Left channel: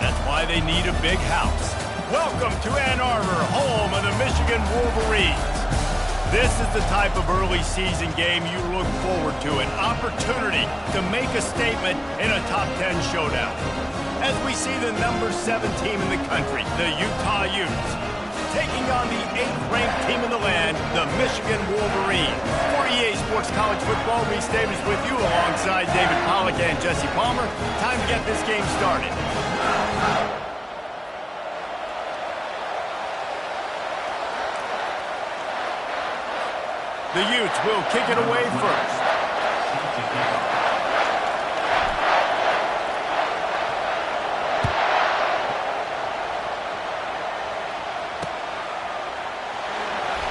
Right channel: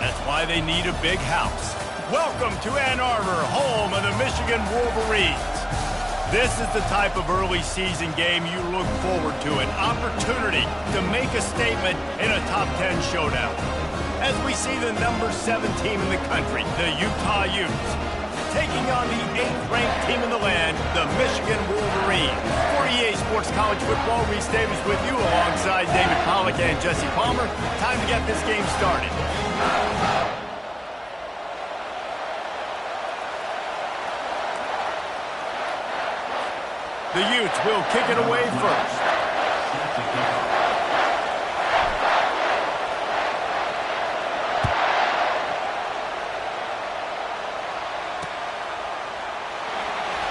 That's why they need a big house. Welcome to Ann Arbor, home of the Michigan Wolverines. This is the type of early season game you look forward to, an opportunity to make a statement in a top 10 showdown. As we see the number 7 team in the country, the Utah Utes, taking on the 8th-ranked team in the land, the Michigan Wolverines. For EA Sports College Football, Reese Davis with you alongside David Pollack and Jesse Palmer. Time to get this game started. The Utes will kick it away first.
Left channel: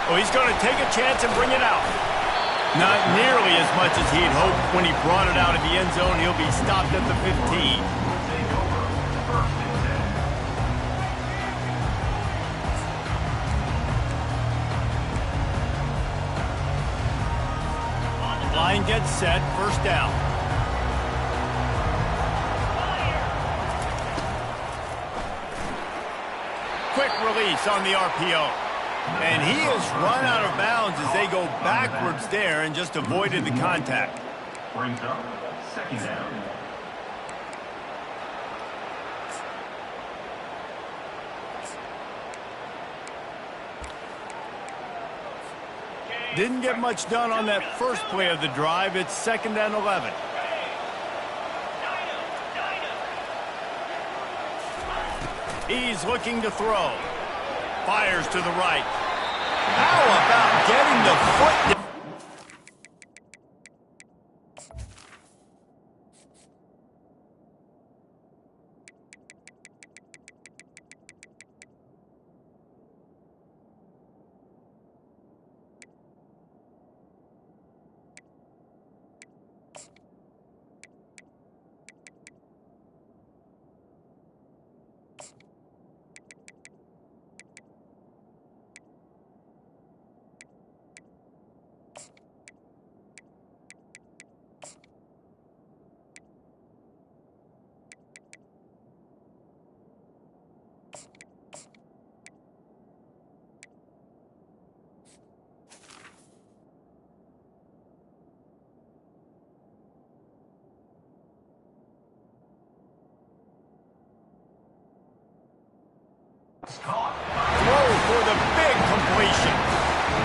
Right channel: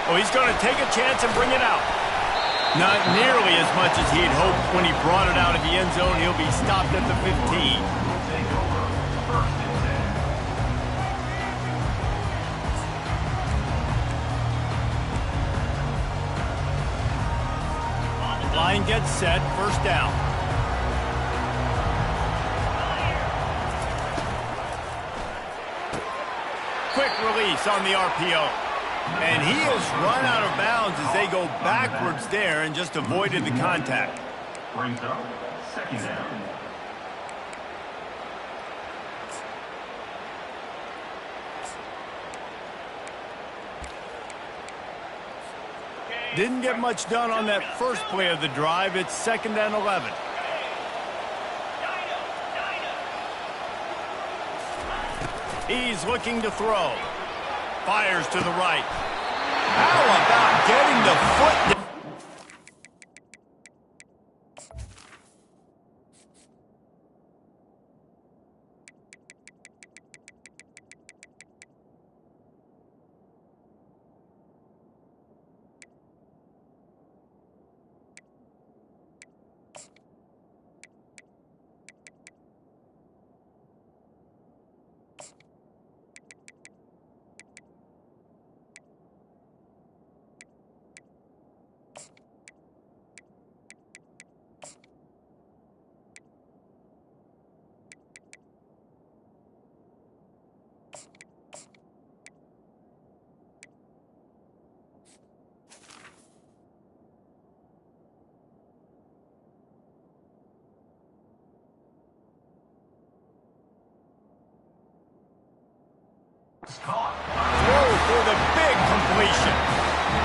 Oh, he's going to take a chance and bring it out. Not nearly as much as he'd hoped when he brought it out of the end zone. He'll be stopped at the 15. Line gets set, first down. Quick release on the RPO. And he has run out of bounds as they go backwards there and just avoided the contact. Brings up second down. Didn't get much done on that first play of the drive. It's 2nd and 11. He's looking to throw. Fires to the right. How about getting the foot down? Throw for the big completion.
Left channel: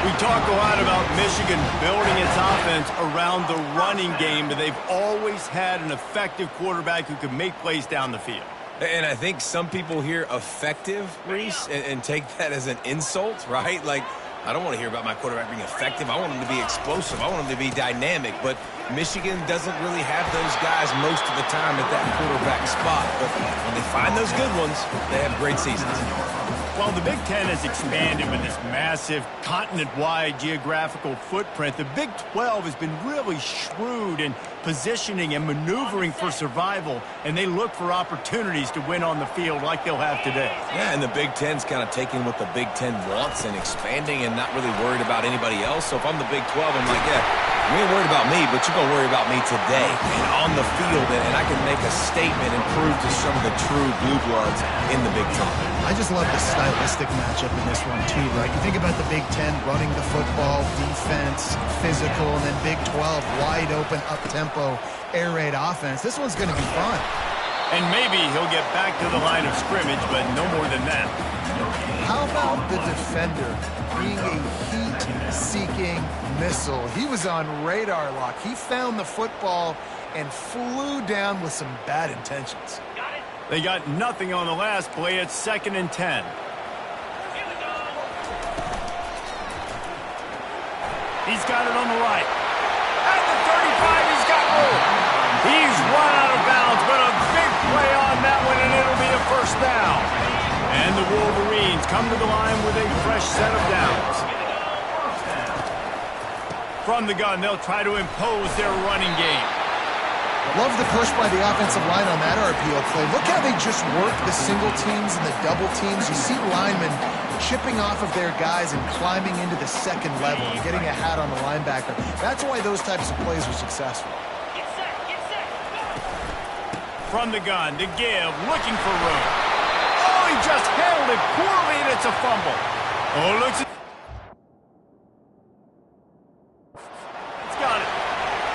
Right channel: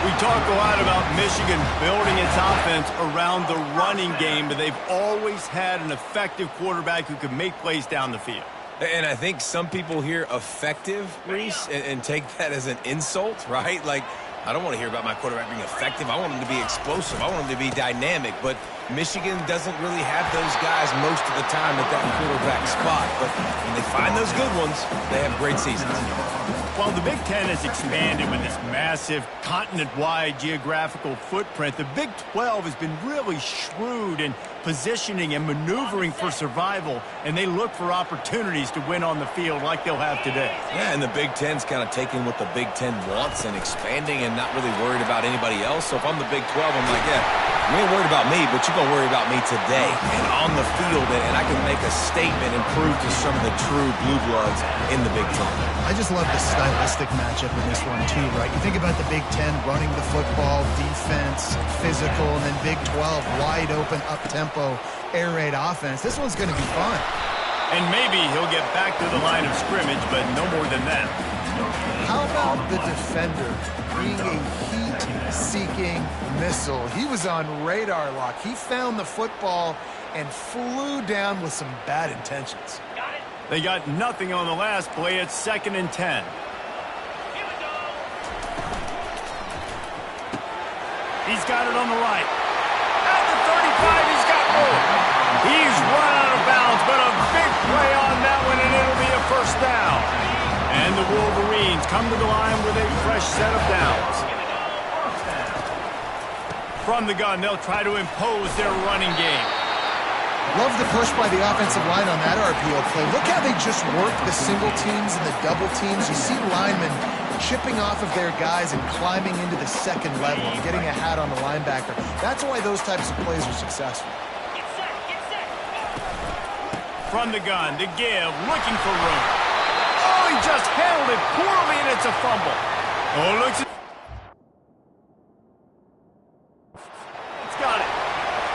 We talk a lot about Michigan building its offense around the running game, but they've always had an effective quarterback who can make plays down the field. And I think some people hear effective, Reese, and take that as an insult, right? Like, I don't want to hear about my quarterback being effective. I want him to be explosive. I want him to be dynamic. But Michigan doesn't really have those guys most of the time at that quarterback spot. But when they find those good ones, they have great seasons. While the Big Ten has expanded with this massive continent-wide geographical footprint, the Big 12 has been really shrewd in positioning and maneuvering for survival, and they look for opportunities to win on the field like they'll have today. Yeah, and the Big Ten's kind of taking what the Big Ten wants and expanding and not really worried about anybody else. So if I'm the Big 12, I'm like, yeah, you ain't worried about me, but you're going to worry about me today and on the field, and I can make a statement and prove to some of the true blue bloods in the Big Ten. I just love the stylistic matchup in this one too, right? You think about the Big Ten running the football, defense, physical, and then Big 12 wide open, up-tempo, air raid offense. This one's going to be fun. And maybe he'll get back to the line of scrimmage, but no more than that. How about the defender being a heat-seeking missile? He was on radar lock. He found the football and flew down with some bad intentions. They got nothing on the last play. It's 2nd and 10. Here we go. He's got it on the right. At the 35, he's got room. He's run out of bounds, but a big play on that one, and it'll be a first down. And the Wolverines come to the line with a fresh set of downs. From the gun, they'll try to impose their running game. Love the push by the offensive line on that RPO play. Look how they just work the single teams and the double teams. You see linemen chipping off of their guys and climbing into the second level and getting a hat on the linebacker. That's why those types of plays are successful. Get set, get set. From the gun, to give, looking for room. Oh, he just handled it poorly, and it's a fumble. Oh, looks. It's got it.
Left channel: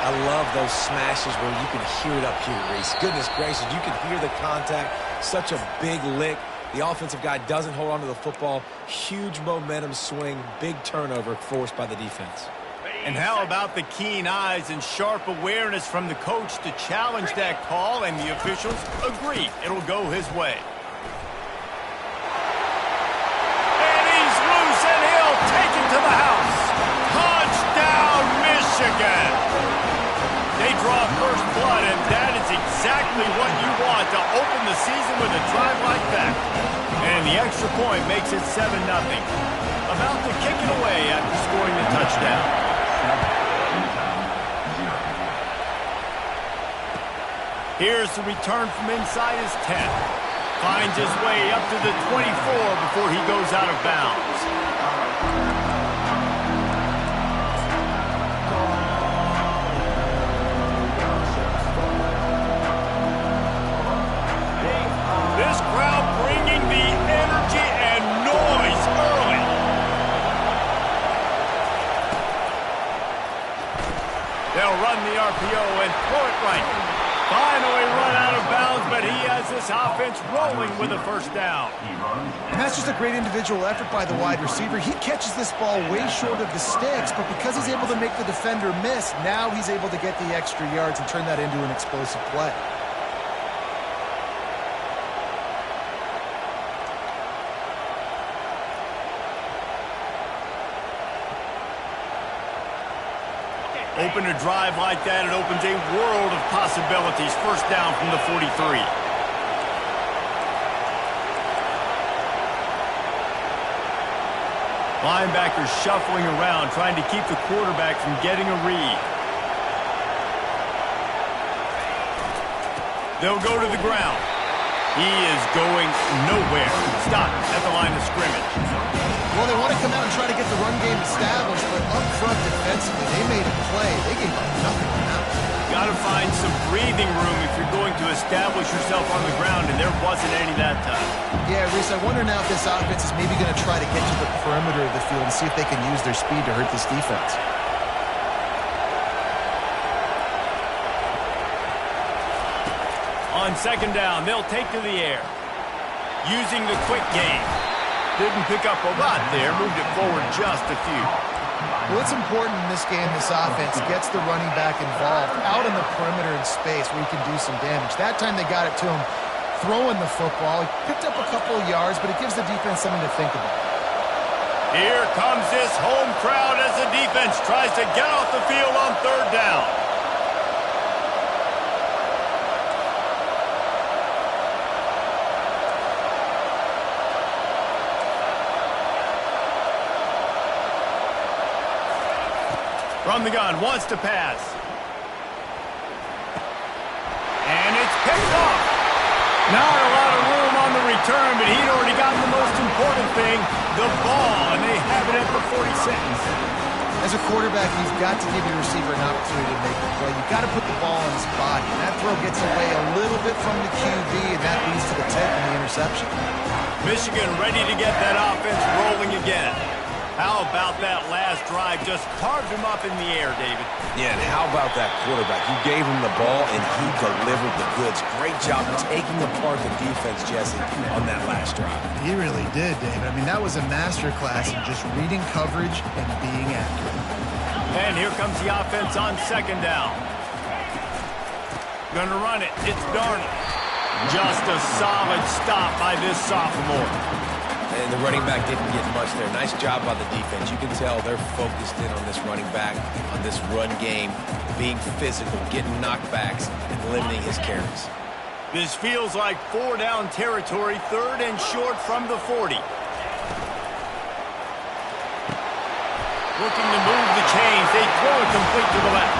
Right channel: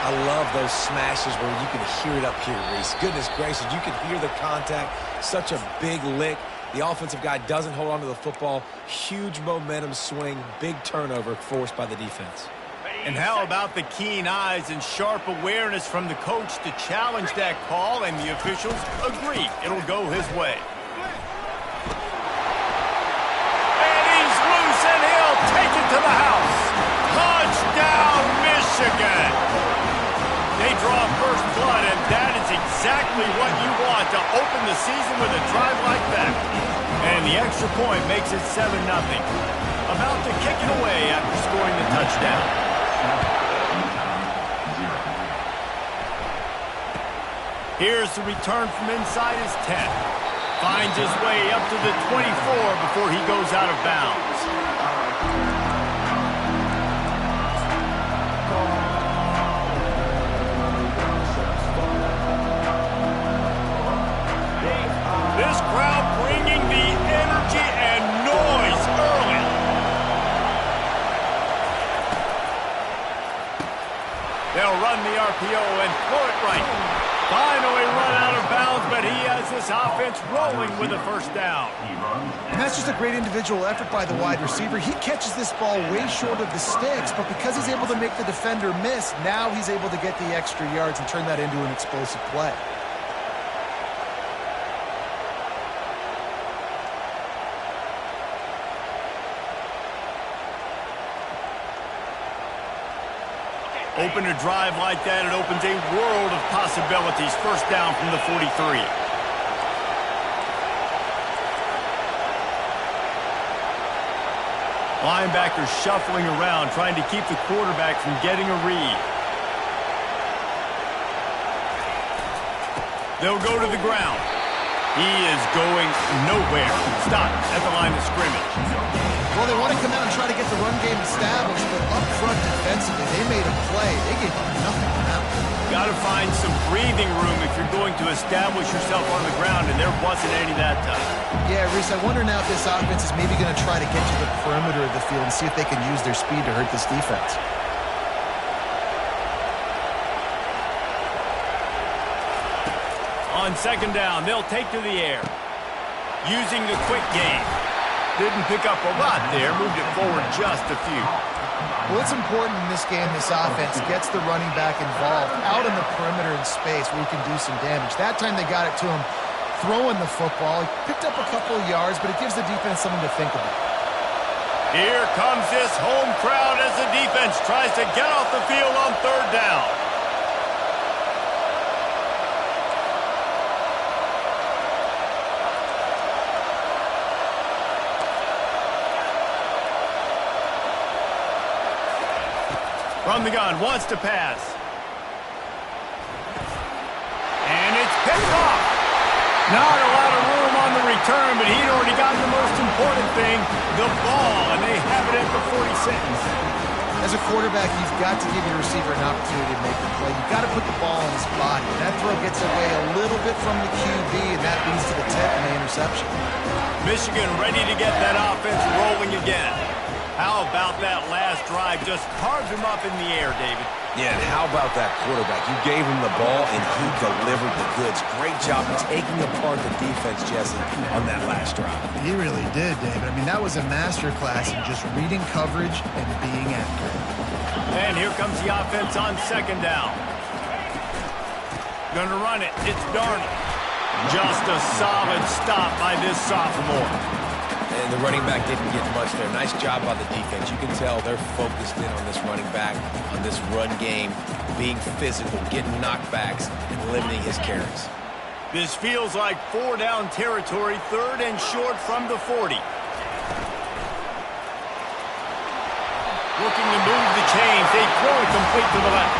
I love those smashes where you can hear it up here, Reese. Goodness gracious, you can hear the contact. Such a big lick. The offensive guy doesn't hold on to the football. Huge momentum swing, big turnover forced by the defense. And how about the keen eyes and sharp awareness from the coach to challenge that call, and the officials agree it'll go his way. And he's loose, and he'll take it to the house. Touchdown, Michigan! They draw first blood, and that is exactly what you want to open the season with a drive like that. And the extra point makes it 7-0. About to kick it away after scoring the touchdown. Here's the return from inside his 10. Finds his way up to the 24 before he goes out of bounds. This crowd bringing the energy and noise early. They'll run the RPO and throw it right. Finally run out of bounds, but he has this offense rolling with a first down. And that's just a great individual effort by the wide receiver. He catches this ball way short of the sticks, but because he's able to make the defender miss, now he's able to get the extra yards and turn that into an explosive play. Open a drive like that, it opens a world of possibilities. First down from the 43. Linebackers shuffling around, trying to keep the quarterback from getting a read. They'll go to the ground. He is going nowhere. Stop at the line of scrimmage. Well, they want to come out and try to get the run game established, but up front defensively, they made a play. They gave up nothing on that one. Got to find some breathing room if you're going to establish yourself on the ground, and there wasn't any that time. Yeah, Reese, I wonder now if this offense is maybe going to try to get to the perimeter of the field and see if they can use their speed to hurt this defense. On second down, they'll take to the air. Using the quick game. Didn't pick up a lot there, moved it forward just a few. Well, it's important in this game, this offense gets the running back involved out in the perimeter in space where he can do some damage. That time they got it to him throwing the football. He picked up a couple of yards, but it gives the defense something to think about. Here comes this home crowd as the defense tries to get off the field on third down. From the gun, wants to pass. And it's picked off. Not a lot of room on the return, but he'd already gotten the most important thing, the ball, and they have it at the 46. As a quarterback, you've got to give your receiver an opportunity to make the play. You've got to put the ball in his body. And that throw gets away a little bit from the QB, and that leads to the tip and the interception. Michigan ready to get that offense rolling again. How about that last drive? Just carved him up in the air, David. Yeah, and how about that quarterback? You gave him the ball, and he delivered the goods. Great job taking apart the defense, Jesse, on that last drive. He really did, David. I mean, that was a masterclass in just reading coverage and being accurate. And here comes the offense on second down. Gonna run it. It's Darnold. Just a solid stop by this sophomore. And the running back didn't get much there. Nice job by the defense. You can tell they're focused in on this running back, on this run game, being physical, getting knockbacks, and limiting his carries. This feels like four-down territory, third and short from the 40. Looking to move the chains. They throw it complete to the left.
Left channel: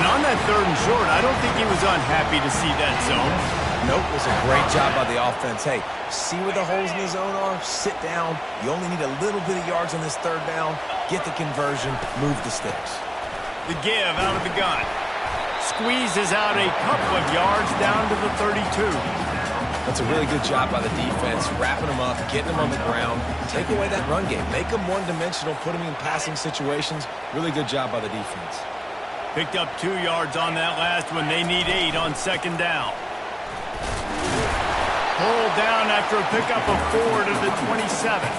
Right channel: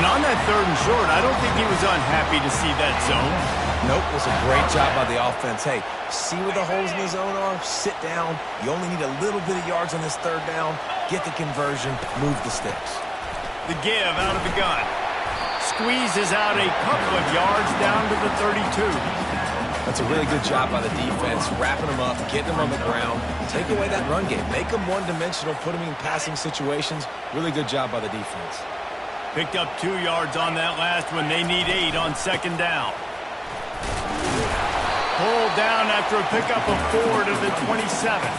And on that third and short, I don't think he was unhappy to see that zone. Nope, it was a great job by the offense. Hey, see where the holes in the zone are? Sit down. You only need a little bit of yards on this third down. Get the conversion. Move the sticks. The give out of the gun. Squeezes out a couple of yards down to the 32. That's a really good job by the defense, wrapping them up, getting them on the ground. Take away that run game. Make them one-dimensional, put them in passing situations. Really good job by the defense. Picked up 2 yards on that last one. They need 8 on second down. Pulled down after a pickup of 4 to the 27.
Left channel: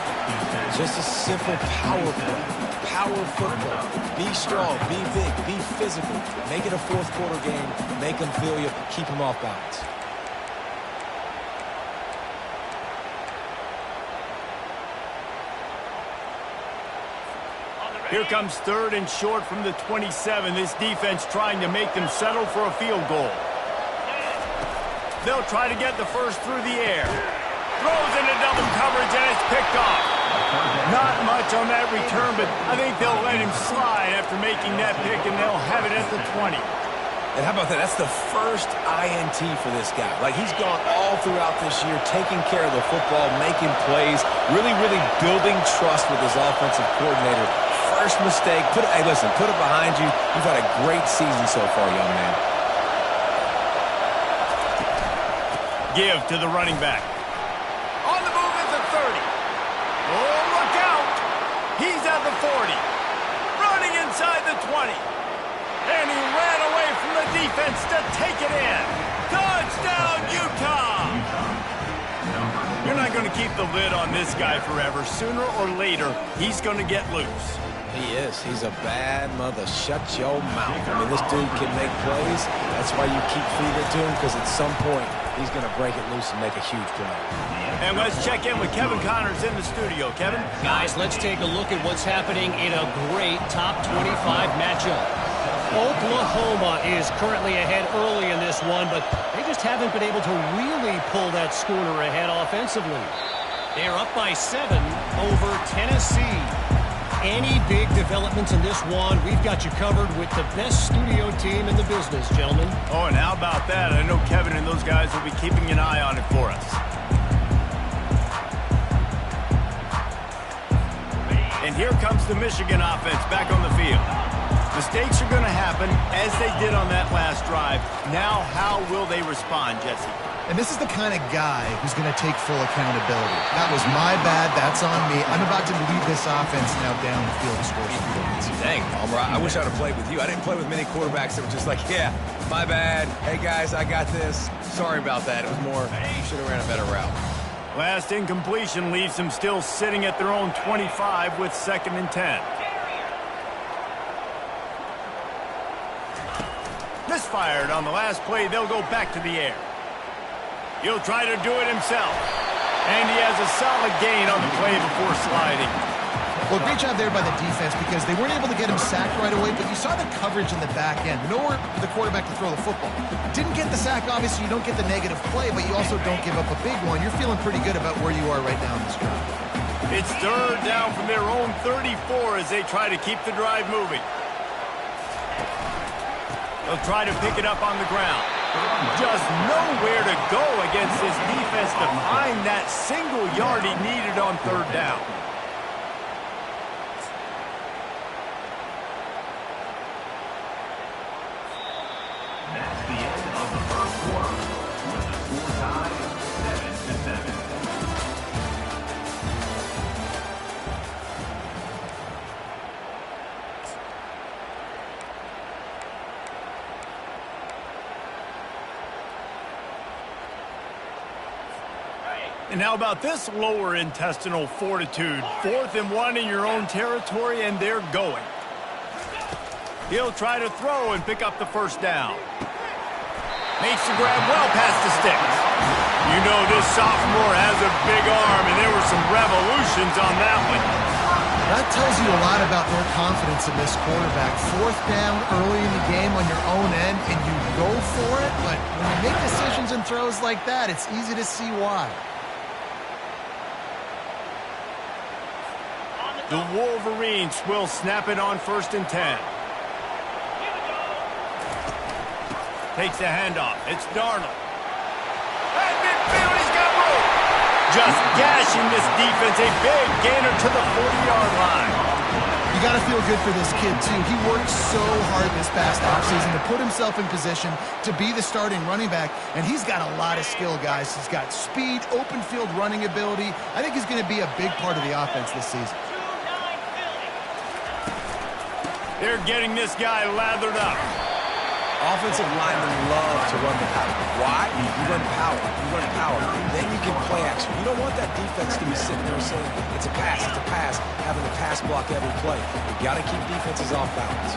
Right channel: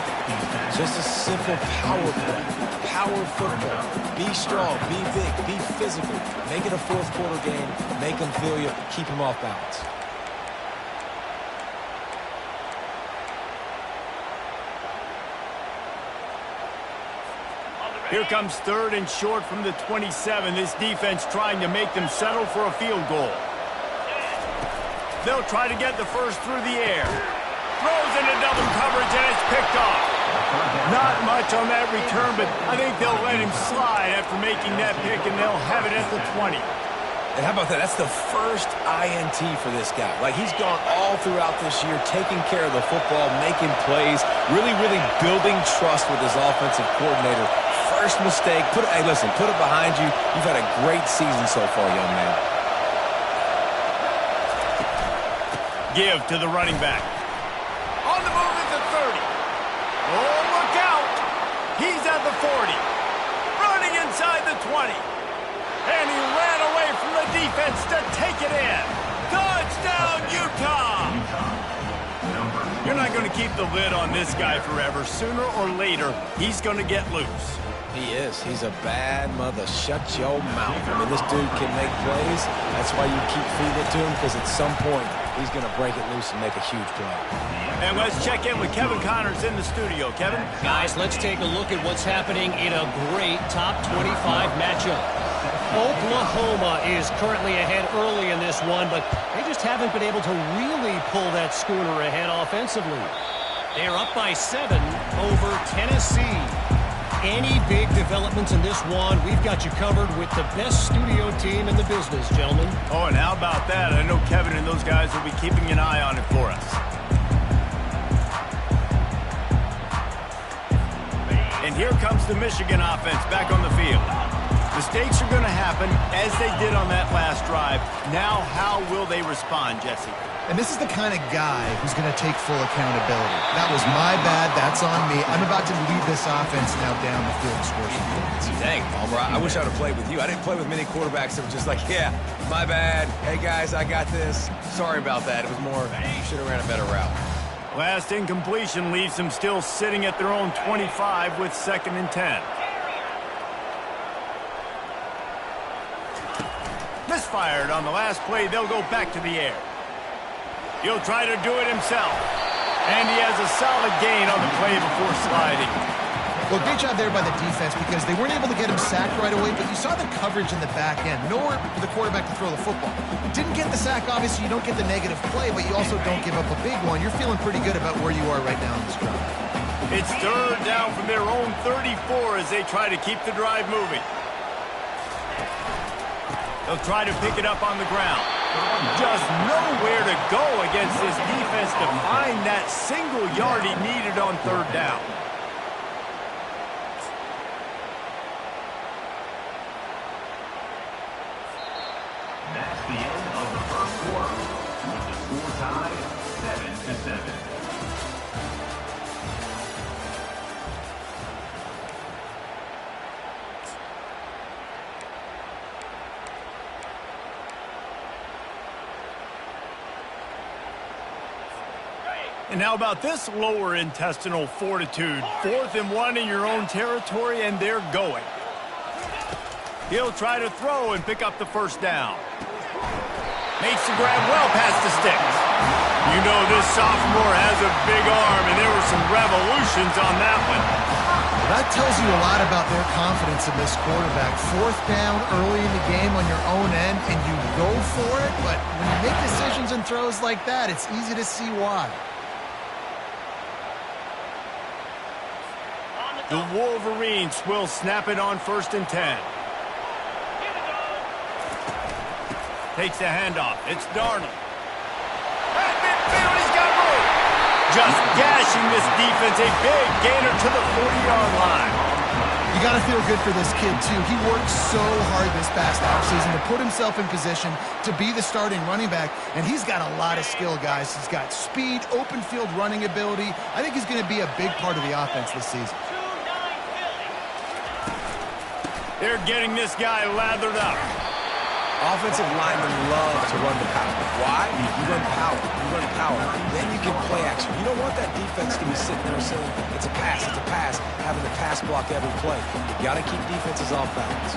Just a simple power play. Power football. Be strong, be big, be physical. Make it a fourth quarter game. Make them feel you. Keep them off balance. Here comes 3rd and short from the 27. This defense trying to make them settle for a field goal. They'll try to get the first through the air. Throws into double coverage, and it's picked off. Not much on that return, but I think they'll let him slide after making that pick, and they'll have it at the 20. And how about that? That's the first INT for this guy. Like, he's gone all throughout this year, taking care of the football, making plays, really, really building trust with his offensive coordinator. First mistake, hey, listen, put it behind you. You've had a great season so far, young man. Give to the running back. On the move at the 30. Oh, look out. He's at the 40. Running inside the 20. And he ran away from the defense to take it in. Touchdown, Utah! You're not going to keep the lid on this guy forever. Sooner or later, he's going to get loose. He is. He's a bad mother. Shut your mouth. I mean, this dude can make plays. That's why you keep feeding it to him, because at some point, he's going to break it loose and make a huge play. And let's check in with Kevin Connors in the studio. Kevin? Guys, let's take a look at what's happening in a great top 25 matchup. Oklahoma is currently ahead early in this one, but they just haven't been able to really pull that schooner ahead offensively. They're up by 7 over Tennessee. Any big developments in this one, we've got you covered with the best studio team in the business, gentlemen. Oh, and how about that? I know Kevin and those guys will be keeping an eye on it for us. And here comes the Michigan offense back on the field. Mistakes are going to happen, as they did on that last drive. Now, how will they respond, Jesse? And this is the kind of guy who's going to take full accountability. That was my bad. That's on me. I'm about to lead this offense now down the field to score some points. Dang, Palmer, I wish I would have played with you. I didn't play with many quarterbacks that were just like, yeah, my bad. Hey, guys, I got this. Sorry about that. It was more, you should have ran a better route. Last incompletion leaves them still sitting at their own 25 with 2nd and 10. Misfired on the last play. They'll go back to the air. He'll try to do it himself. And he has a solid gain on the play before sliding. Well, great job there by the defense, because they weren't able to get him sacked right away, but you saw the coverage in the back end. Nowhere for the quarterback to throw the football. Didn't get the sack, obviously. You don't get the negative play, but you also don't give up a big one. You're feeling pretty good about where you are right now in this drive. It's 3rd down from their own 34 as they try to keep the drive moving. They'll try to pick it up on the ground. Just nowhere to go against this defense to find that single yard he needed on 3rd down. That's the end of the first quarter, with the score tied 7-7. And how about this lower intestinal fortitude? 4th and 1 in your own territory, and they're going. He'll try to throw and pick up the first down. Makes the grab well past the sticks. You know this sophomore has a big arm, and there were some revolutions on that one. That tells you a lot about their confidence in this quarterback. 4th down early in the game on your own end, and you go for it. But when you make decisions and throws like that, it's easy to see why. The Wolverines will snap it on 1st and 10. Takes the handoff. It's Darnold. At midfield, he's got room. Just gashing this defense. A big gainer to the 40-yard line. You got to feel good for this kid, too. He worked so hard this past offseason to put himself in position to be the starting running back, and he's got a lot of skill, guys. He's got speed, open field running ability. I think he's going to be a big part of the offense this season. They're getting this guy lathered up. Offensive linemen love to run the power. Why? You run power. You run power. Then you can play action. You don't want that defense to be sitting there saying, it's a pass, having to pass block every play. You got to keep defenses off balance.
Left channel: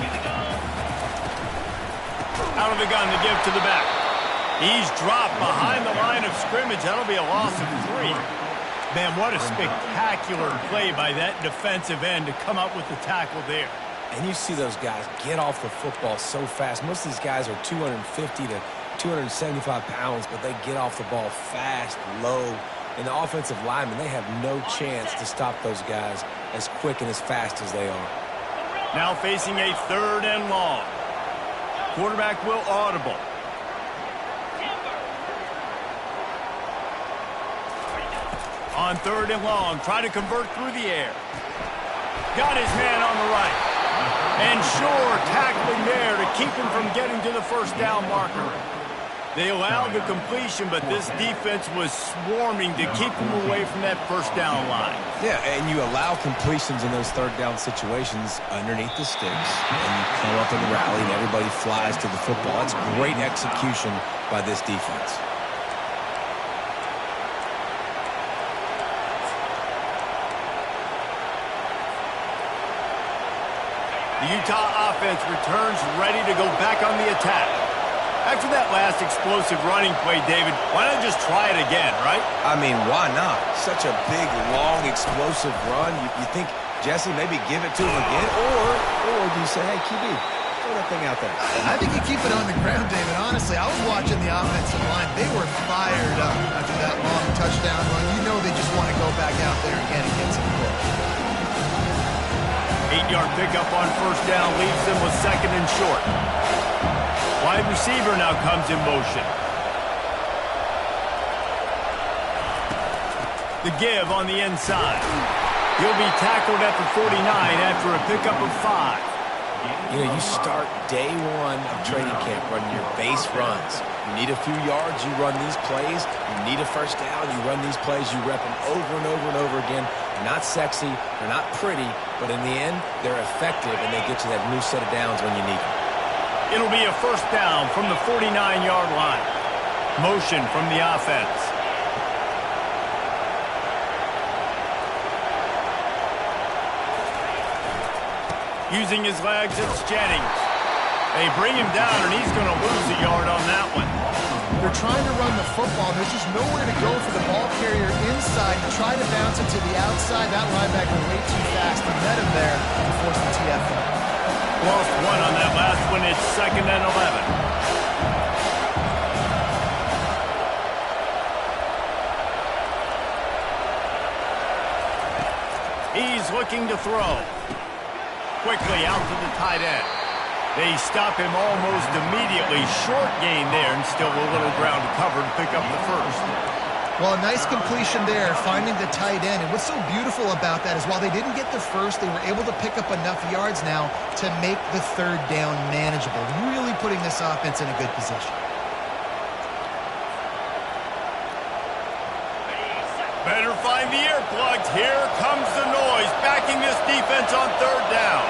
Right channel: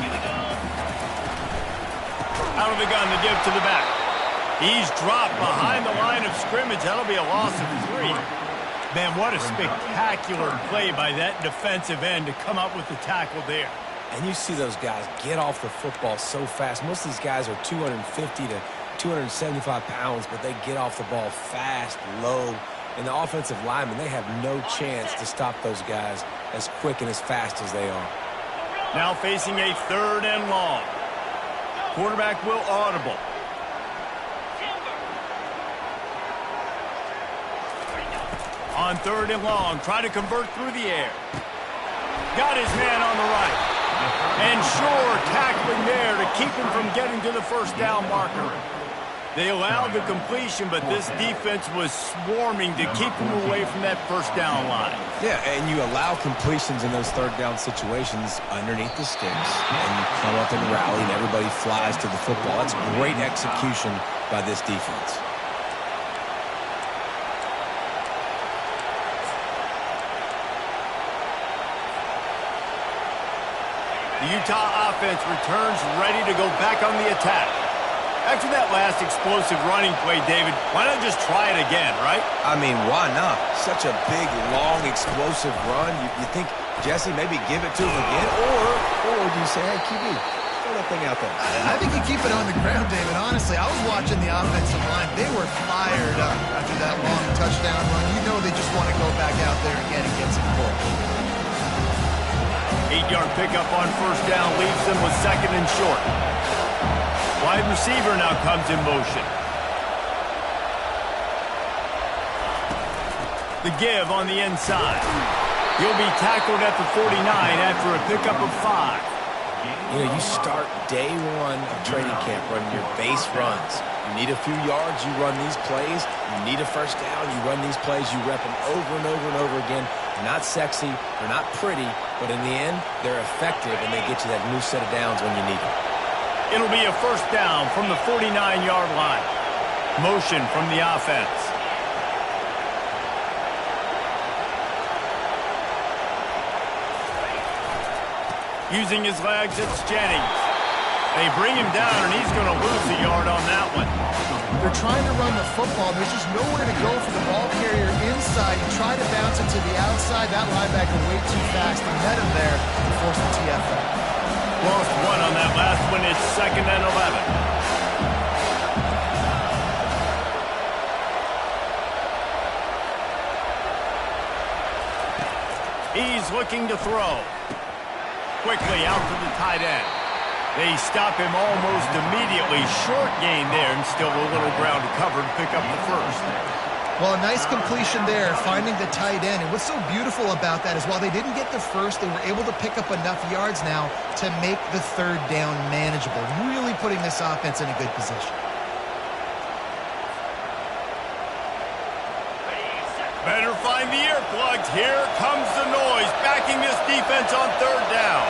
Out of the gun to give to the back. He's dropped behind the line of scrimmage. That'll be a loss of 3. Man, what a spectacular play by that defensive end to come up with the tackle there. And you see those guys get off the football so fast. Most of these guys are 250 to 275 pounds, but they get off the ball fast, low. And the offensive linemen, they have no chance to stop those guys as quick and as fast as they are. Now facing a 3rd and long. Quarterback will audible. On 3rd and long, try to convert through the air. Got his man on the right. And sure, tackling there to keep him from getting to the first down marker. They allowed the completion, but this defense was swarming to keep him away from that first down line. Yeah, and you allow completions in those 3rd down situations underneath the sticks, and you come up and rally, and everybody flies to the football. That's great execution by this defense. The Utah offense returns ready to go back on the attack. After that last explosive running play, David, why not just try it again, right? I mean, why not? Such a big, long, explosive run. You think, Jesse, maybe give it to him again? Or do you say, hey, QB, throw that thing out there? I think you keep it on the ground, David. Honestly, I was watching the offensive line. They were fired up after that long touchdown run. You know they just want to go back out there again and get some push. 8-yard pickup on 1st down leaves them with 2nd and short. Wide receiver now comes in motion. The give on the inside. He'll be tackled at the 49 after a pickup of 5. You know, you start day 1 of training camp running your base runs. You need a few yards, you run these plays. You need a first down, you run these plays. You rep them over and over and over again. They're not sexy, they're not pretty, but in the end, they're effective, and they get you that new set of downs when you need them. It'll be a first down from the 49-yard line. Motion from the offense. Using his legs, it's Jennings. They bring him down, and he's going to lose a yard on that one. They're trying to run the football. There's just nowhere to go for the ball carrier inside. He tried to bounce it to the outside. That linebacker way too fast. He met him there and forced the TFL. Lost 1 on that last one. It's 2nd and 11. He's looking to throw. Quickly out to the tight end. They stop him almost immediately. Short gain there, and still a little ground to cover to pick up the 1st. Well, a nice completion there, finding the tight end. And what's so beautiful about that is while they didn't get the 1st, they were able to pick up enough yards now to make the 3rd down manageable, really putting this offense in a good position. Better find the earplugs. Here comes the noise, backing this defense on 3rd down.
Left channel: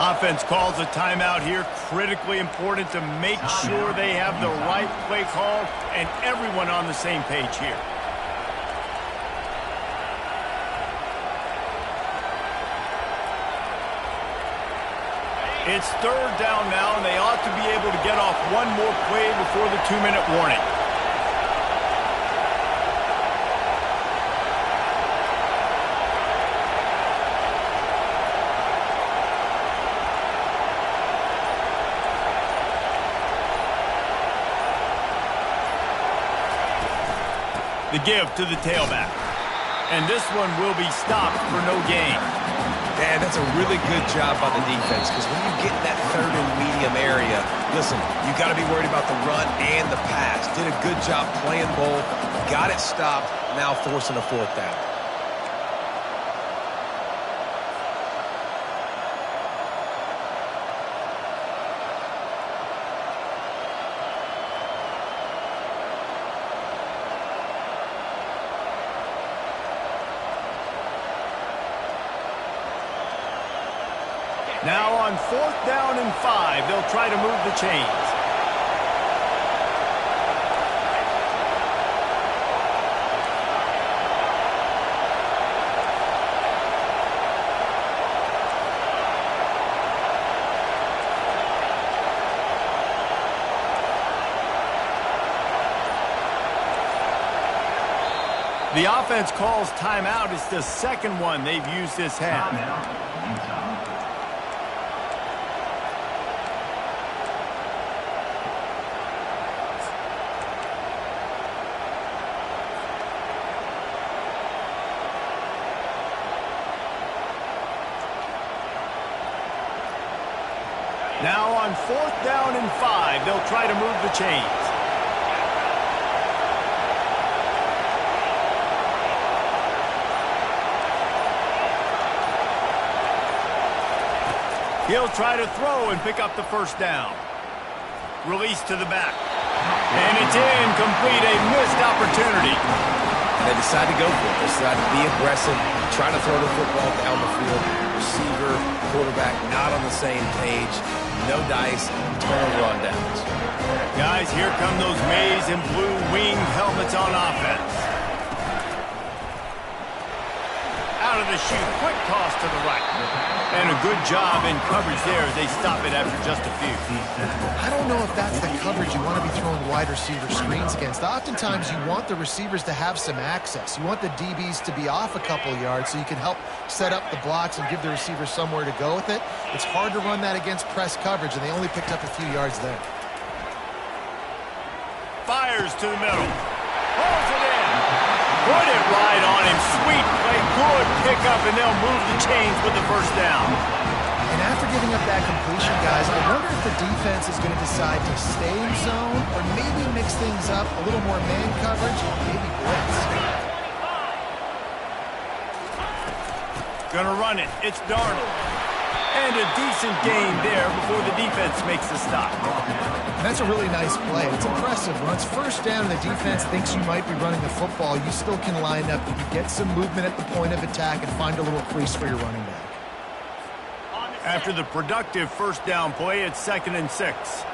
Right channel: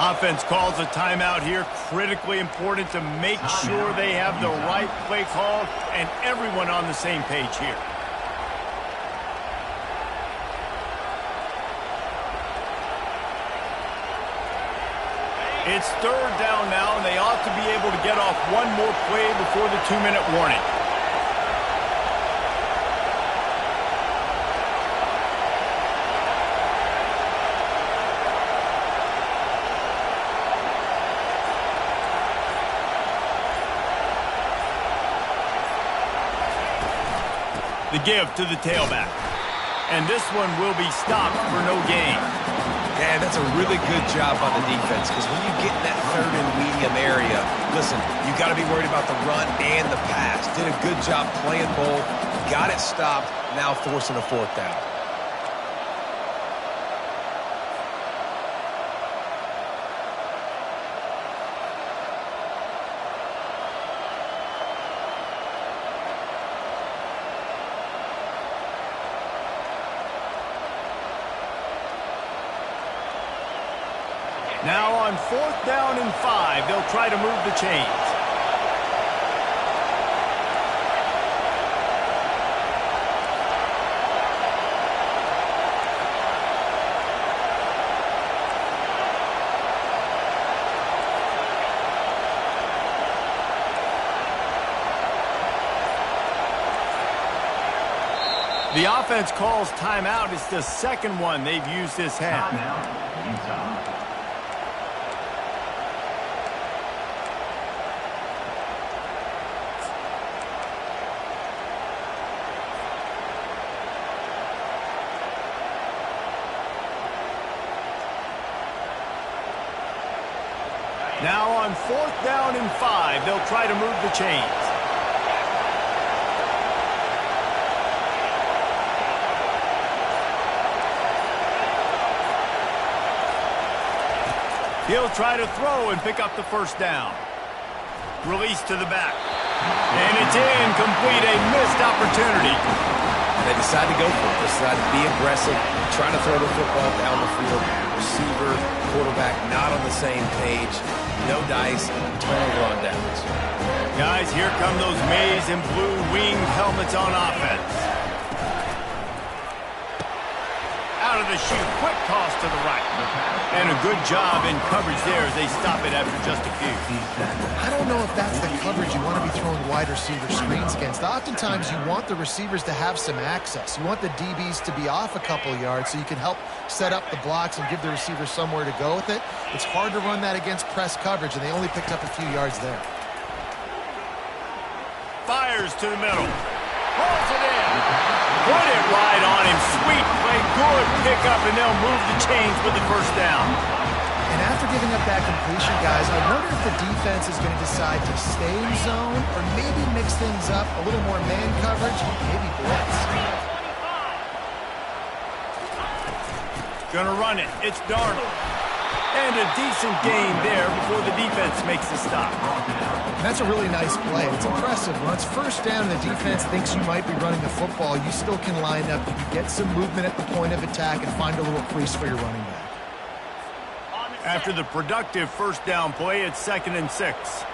Offense calls a timeout here. Critically important to make sure they have the right play called and everyone on the same page here. It's 3rd down now, and they ought to be able to get off one more play before the 2-minute warning. The give to the tailback. And this one will be stopped for no gain. And that's a really good job by the defense, because when you get in that third and medium area, listen, you got to be worried about the run and the pass. Did a good job playing both, got it stopped, now forcing a fourth down. Now on 4th down and 5, they'll try to move the chains. The offense calls timeout. It's the second one they've used this half. Timeout, Utah. Now on 4th down and 5, they'll try to move the chains. He'll try to throw and pick up the first down. Release to the back. And it's incomplete, a missed opportunity. And they decide to go for it. They decide to be aggressive, try to throw the football down the field. Receiver, quarterback not on the same page. No dice, turnover on downs. Guys, here come those maize and blue winged helmets on offense. Out of the chute, quick toss to the right. And a good job in coverage there as they stop it after just a few. I don't know if that's the coverage you want to be throwing wide receiver screens against. Oftentimes, you want the receivers to have some access. You want the DBs to be off a couple yards so you can help set up the blocks and give the receivers somewhere to go with it. It's hard to run that against press coverage, and they only picked up a few yards there. Fires to the middle. Pulls it in. Put it right on him. Sweet play. Good pickup, and they'll move the chains with the first down. And after giving up that completion, guys, I wonder if the defense is going to decide to stay in zone or maybe mix things up, a little more man coverage, maybe blitz. Gonna run it. It's Darnold. And a decent gain there before the defense makes the stop. And that's a really nice play. It's impressive. When it's first down and the defense thinks you might be running the football, you still can line up. You can get some movement at the point of attack and find a little crease for your running back. After the productive first down play, it's 2nd and 6.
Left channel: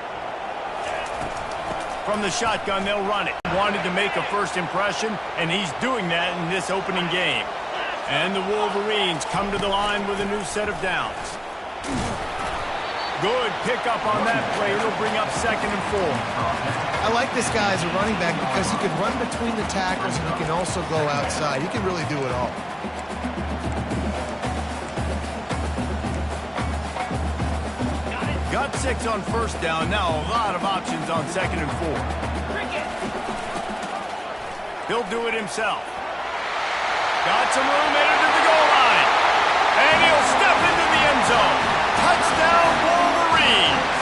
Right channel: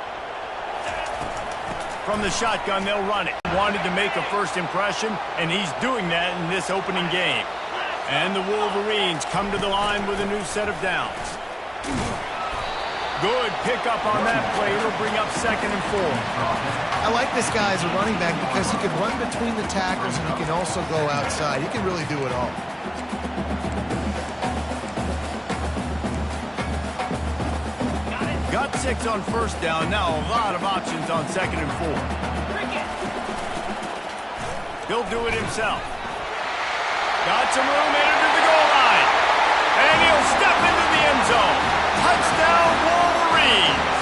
From the shotgun, they'll run it. Wanted to make a first impression, and he's doing that in this opening game. And the Wolverines come to the line with a new set of downs. Good pickup on that play. It'll bring up 2nd and 4. I like this guy as a running back because he can run between the tackles and he can also go outside. He can really do it all. Got 6 on first down. Now a lot of options on 2nd and 4. He'll do it himself. Got some room headed to the goal line. And he'll step into the end zone. Touchdown, Wolverines.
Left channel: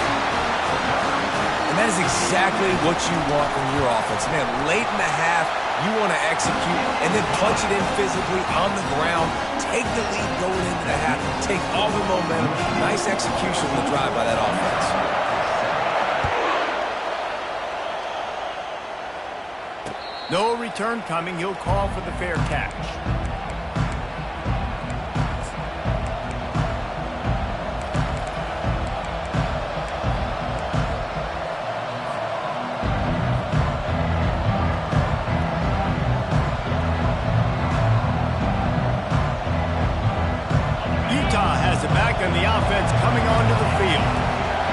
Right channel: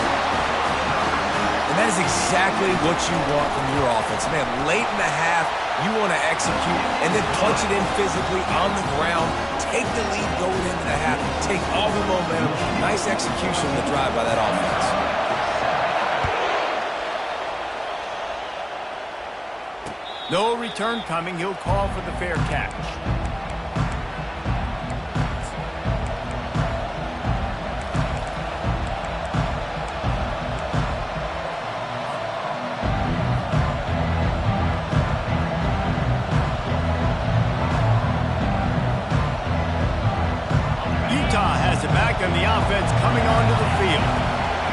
And that is exactly what you want from your offense. Man, late in the half, you want to execute and then punch it in physically on the ground. Take the lead going into the half. Take all the momentum. Nice execution on the drive by that offense. No return coming. He'll call for the fair catch. Utah has it back and the offense coming onto the field.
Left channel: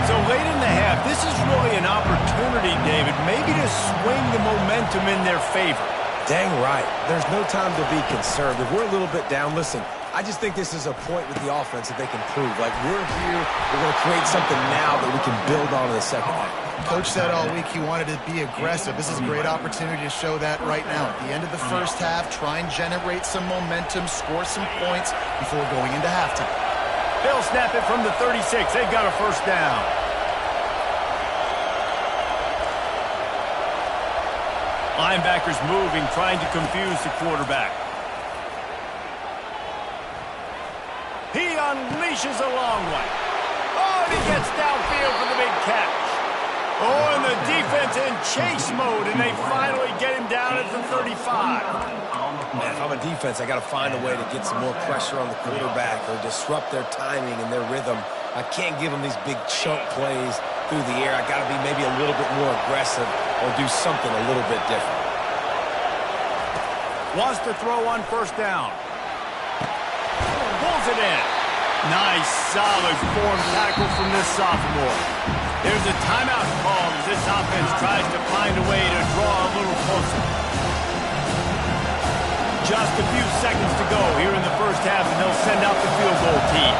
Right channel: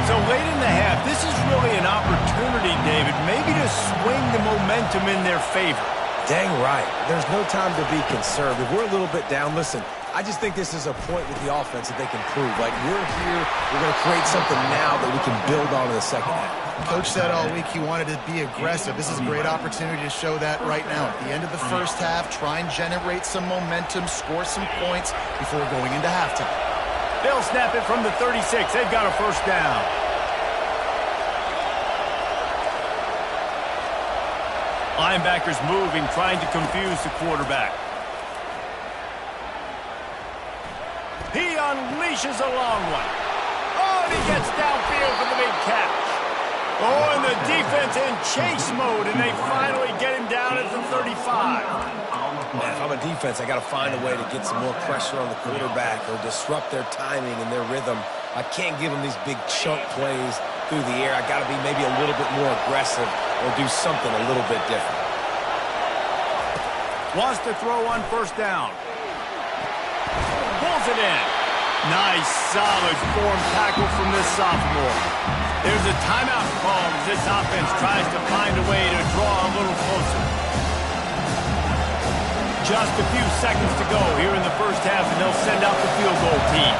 So late in the half, this is really an opportunity, David, maybe to swing the momentum in their favor. Dang right. There's no time to be conservative. We're a little bit down. Listen, I just think this is a point with the offense that they can prove. Like, we're here, we're going to create something now that we can build on in the second half. Coach said all week he wanted to be aggressive. This is a great opportunity to show that right now. At the end of the first half, try and generate some momentum, score some points before going into halftime. They'll snap it from the 36. They've got a first down. Linebackers moving, trying to confuse the quarterback. He unleashes a long one. Oh, and he gets downfield for the big catch. Oh, and the defense in chase mode, and they finally get him down at the 35. Man, if I'm a defense, I got to find a way to get some more pressure on the quarterback or disrupt their timing and their rhythm. I can't give them these big chunk plays through the air. I got to be maybe a little bit more aggressive or do something a little bit different. Wants to throw on first down. Pulls it in. Nice, solid form tackle from this sophomore. There's a timeout called as this offense tries to find a way to draw a little closer. Just a few seconds to go here in the first half, and they'll send out the field goal team.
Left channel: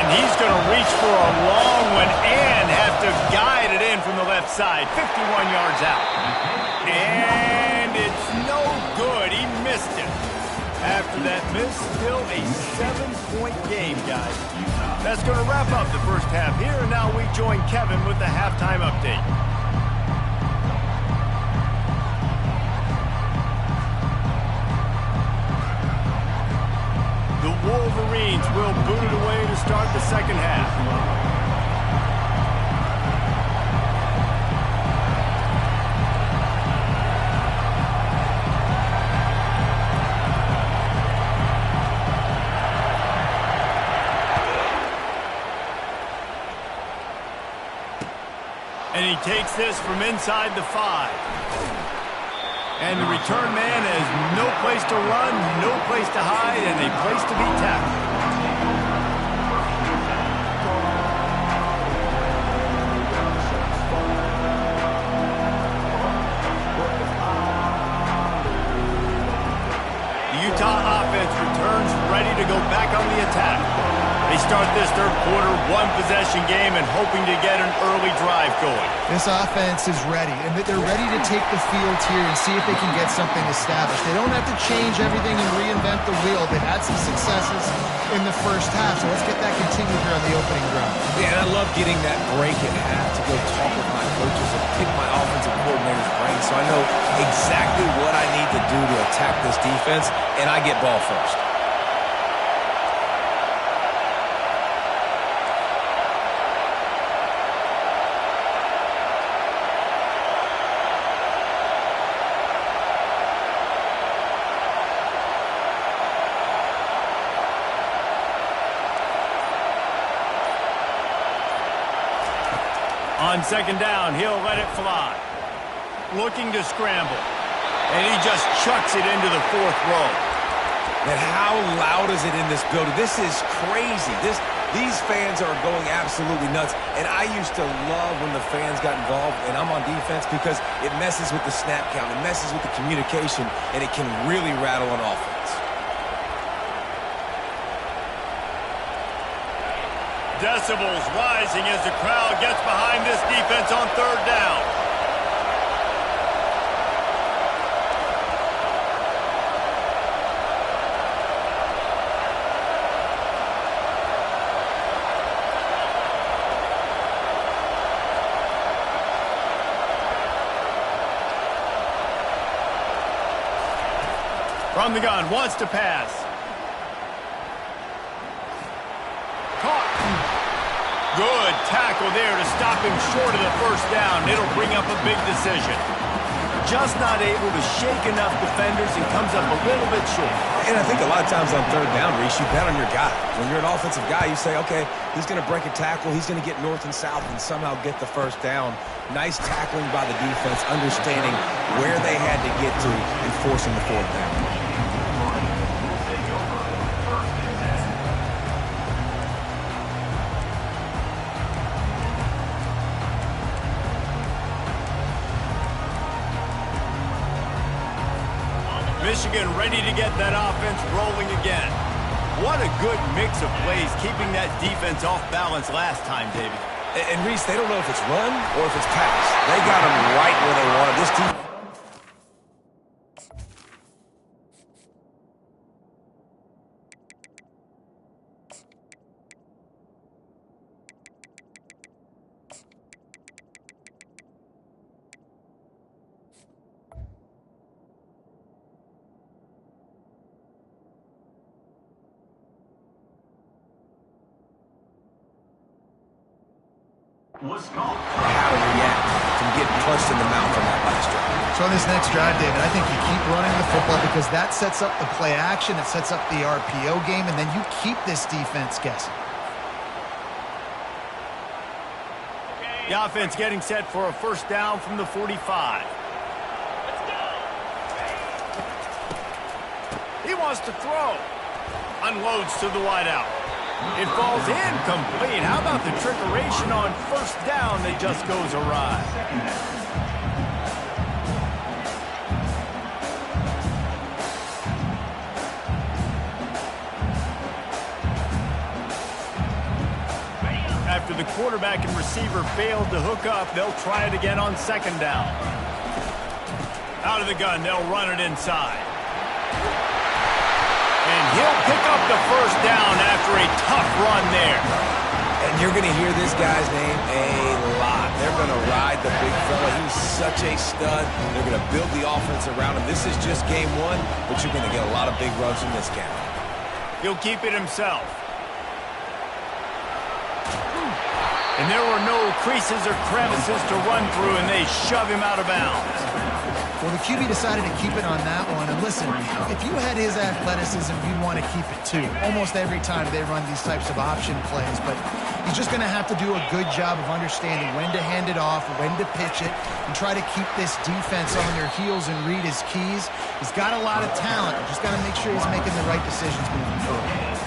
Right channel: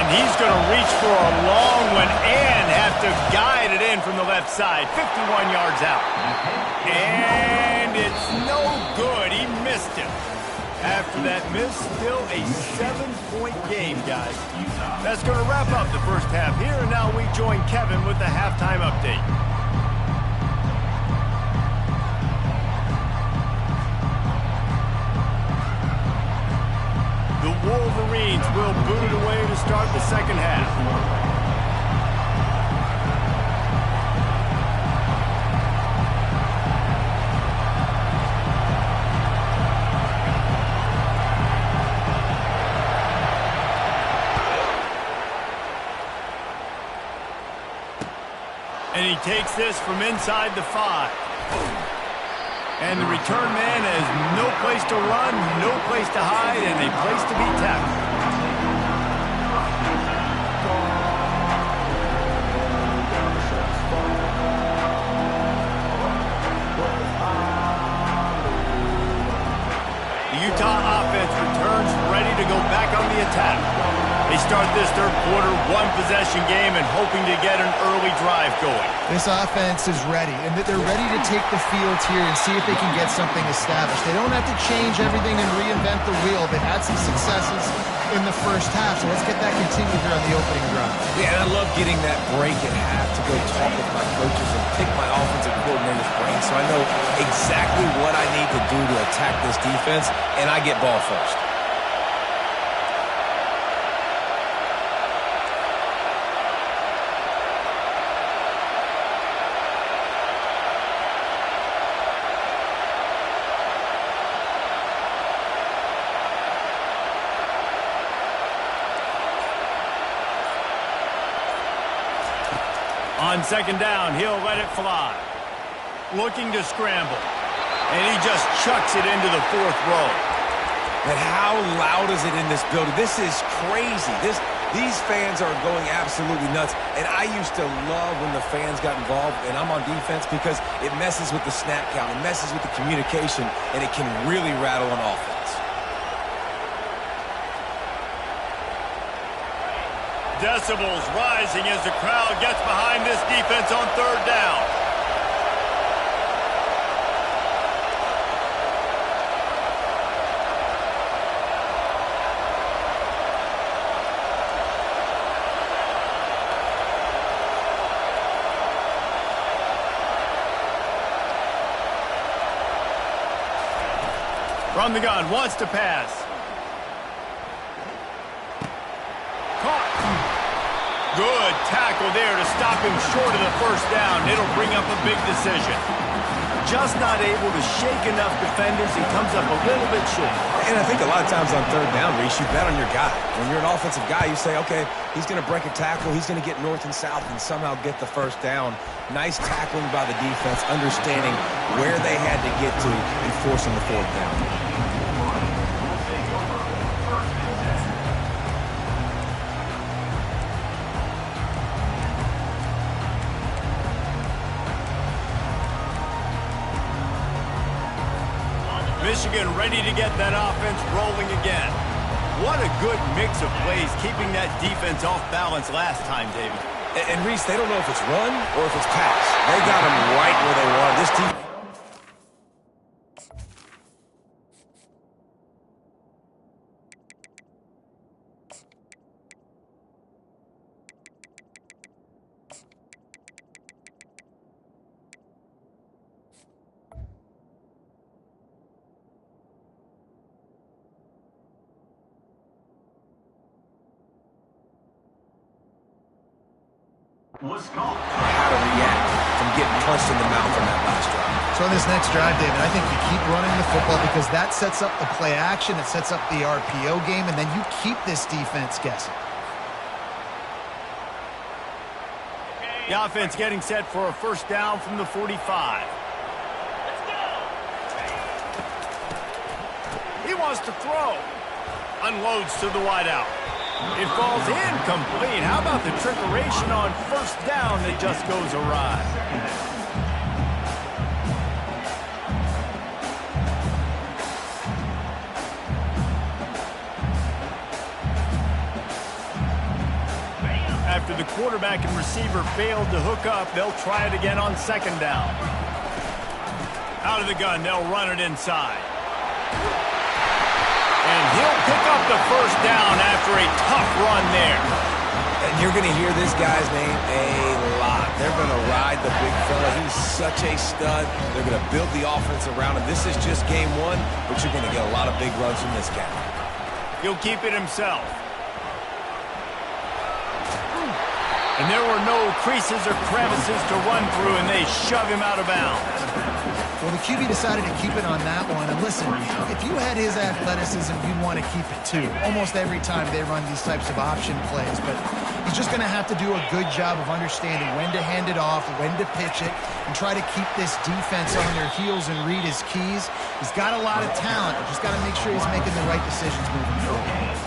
And he's going to reach for a long one and have to guide it in from the left side. 51 yards out. And it's no good. He missed it. After that miss, still a 7-point game, guys. That's going to wrap up the first half here, and now we join Kevin with the halftime update. The Wolverines will boot it away to start the second half. And he takes this from inside the 5. And the return man has no place to run, no place to hide, and a place to be tackled. The Utah offense returns ready to go back on the attack. They start this third quarter one-possession game and hoping to get an early drive going. This offense is ready, and they're ready to take the field here and see if they can get something established. They don't have to change everything and reinvent the wheel. They've had some successes in the first half, so let's get that continued here on the opening drive. Yeah, and I love getting that break at half to go talk with my coaches and pick my offensive coordinator's brain so I know exactly what I need to do to attack this defense, and I get ball first. On second down, he'll let it fly. Looking to scramble. And he just chucks it into the 4th row. And how loud is it in this building? This is crazy. These fans are going absolutely nuts. And I used to love when the fans got involved, and I'm on defense, because it messes with the snap count. It messes with the communication, and it can really rattle an offense. Decibels rising as the crowd gets behind this defense on third down. From the gun, wants to pass. Caught. Good tackle there to stop him short of the first down. It'll bring up a big decision. Just not able to shake enough defenders and comes up a little bit short. And I think a lot of times on third down, Reese, you bet on your guy. When you're an offensive guy, you say, okay, he's going to break a tackle, he's going to get north and south and somehow get the first down. Nice tackling by the defense, understanding where they had to get to and forcing the fourth down. Michigan ready to get that offense rolling again. What a good mix of plays, keeping that defense off balance last time, David. And Reese, they don't know if it's run or if it's pass. They got them right where they wanted. This defense. Was called. How to react from getting punched in the mouth on that last drive. So on this next drive, David, I think you keep running the football because that sets up the play action, it sets up the RPO game, and then you keep this defense guessing. The offense getting set for a first down from the 45. Let's go. He wants to throw. Unloads to the wideout. It falls incomplete. How about the trickeration on first down that just goes awry? After the quarterback and receiver failed to hook up, they'll try it again on second down. Out of the gun, they'll run it inside. And he'll pick up the first down after a tough run there. And you're going to hear this guy's name a lot. They're going to ride the big fella. He's such a stud. They're going to build the offense around him. This is just game one, but you're going to get a lot of big runs from this guy. He'll keep it himself. And there were no creases or crevices to run through, and they shove him out of bounds. Well, the QB decided to keep it on that one. And listen, if you had his athleticism, you'd want to keep it too. Almost every time they run these types of option plays. But he's just going to have to do a good job of understanding when to hand it off, when to pitch it, and try to keep this defense on their heels and read his keys. He's got a lot of talent. Just got to make sure he's making the right decisions moving forward.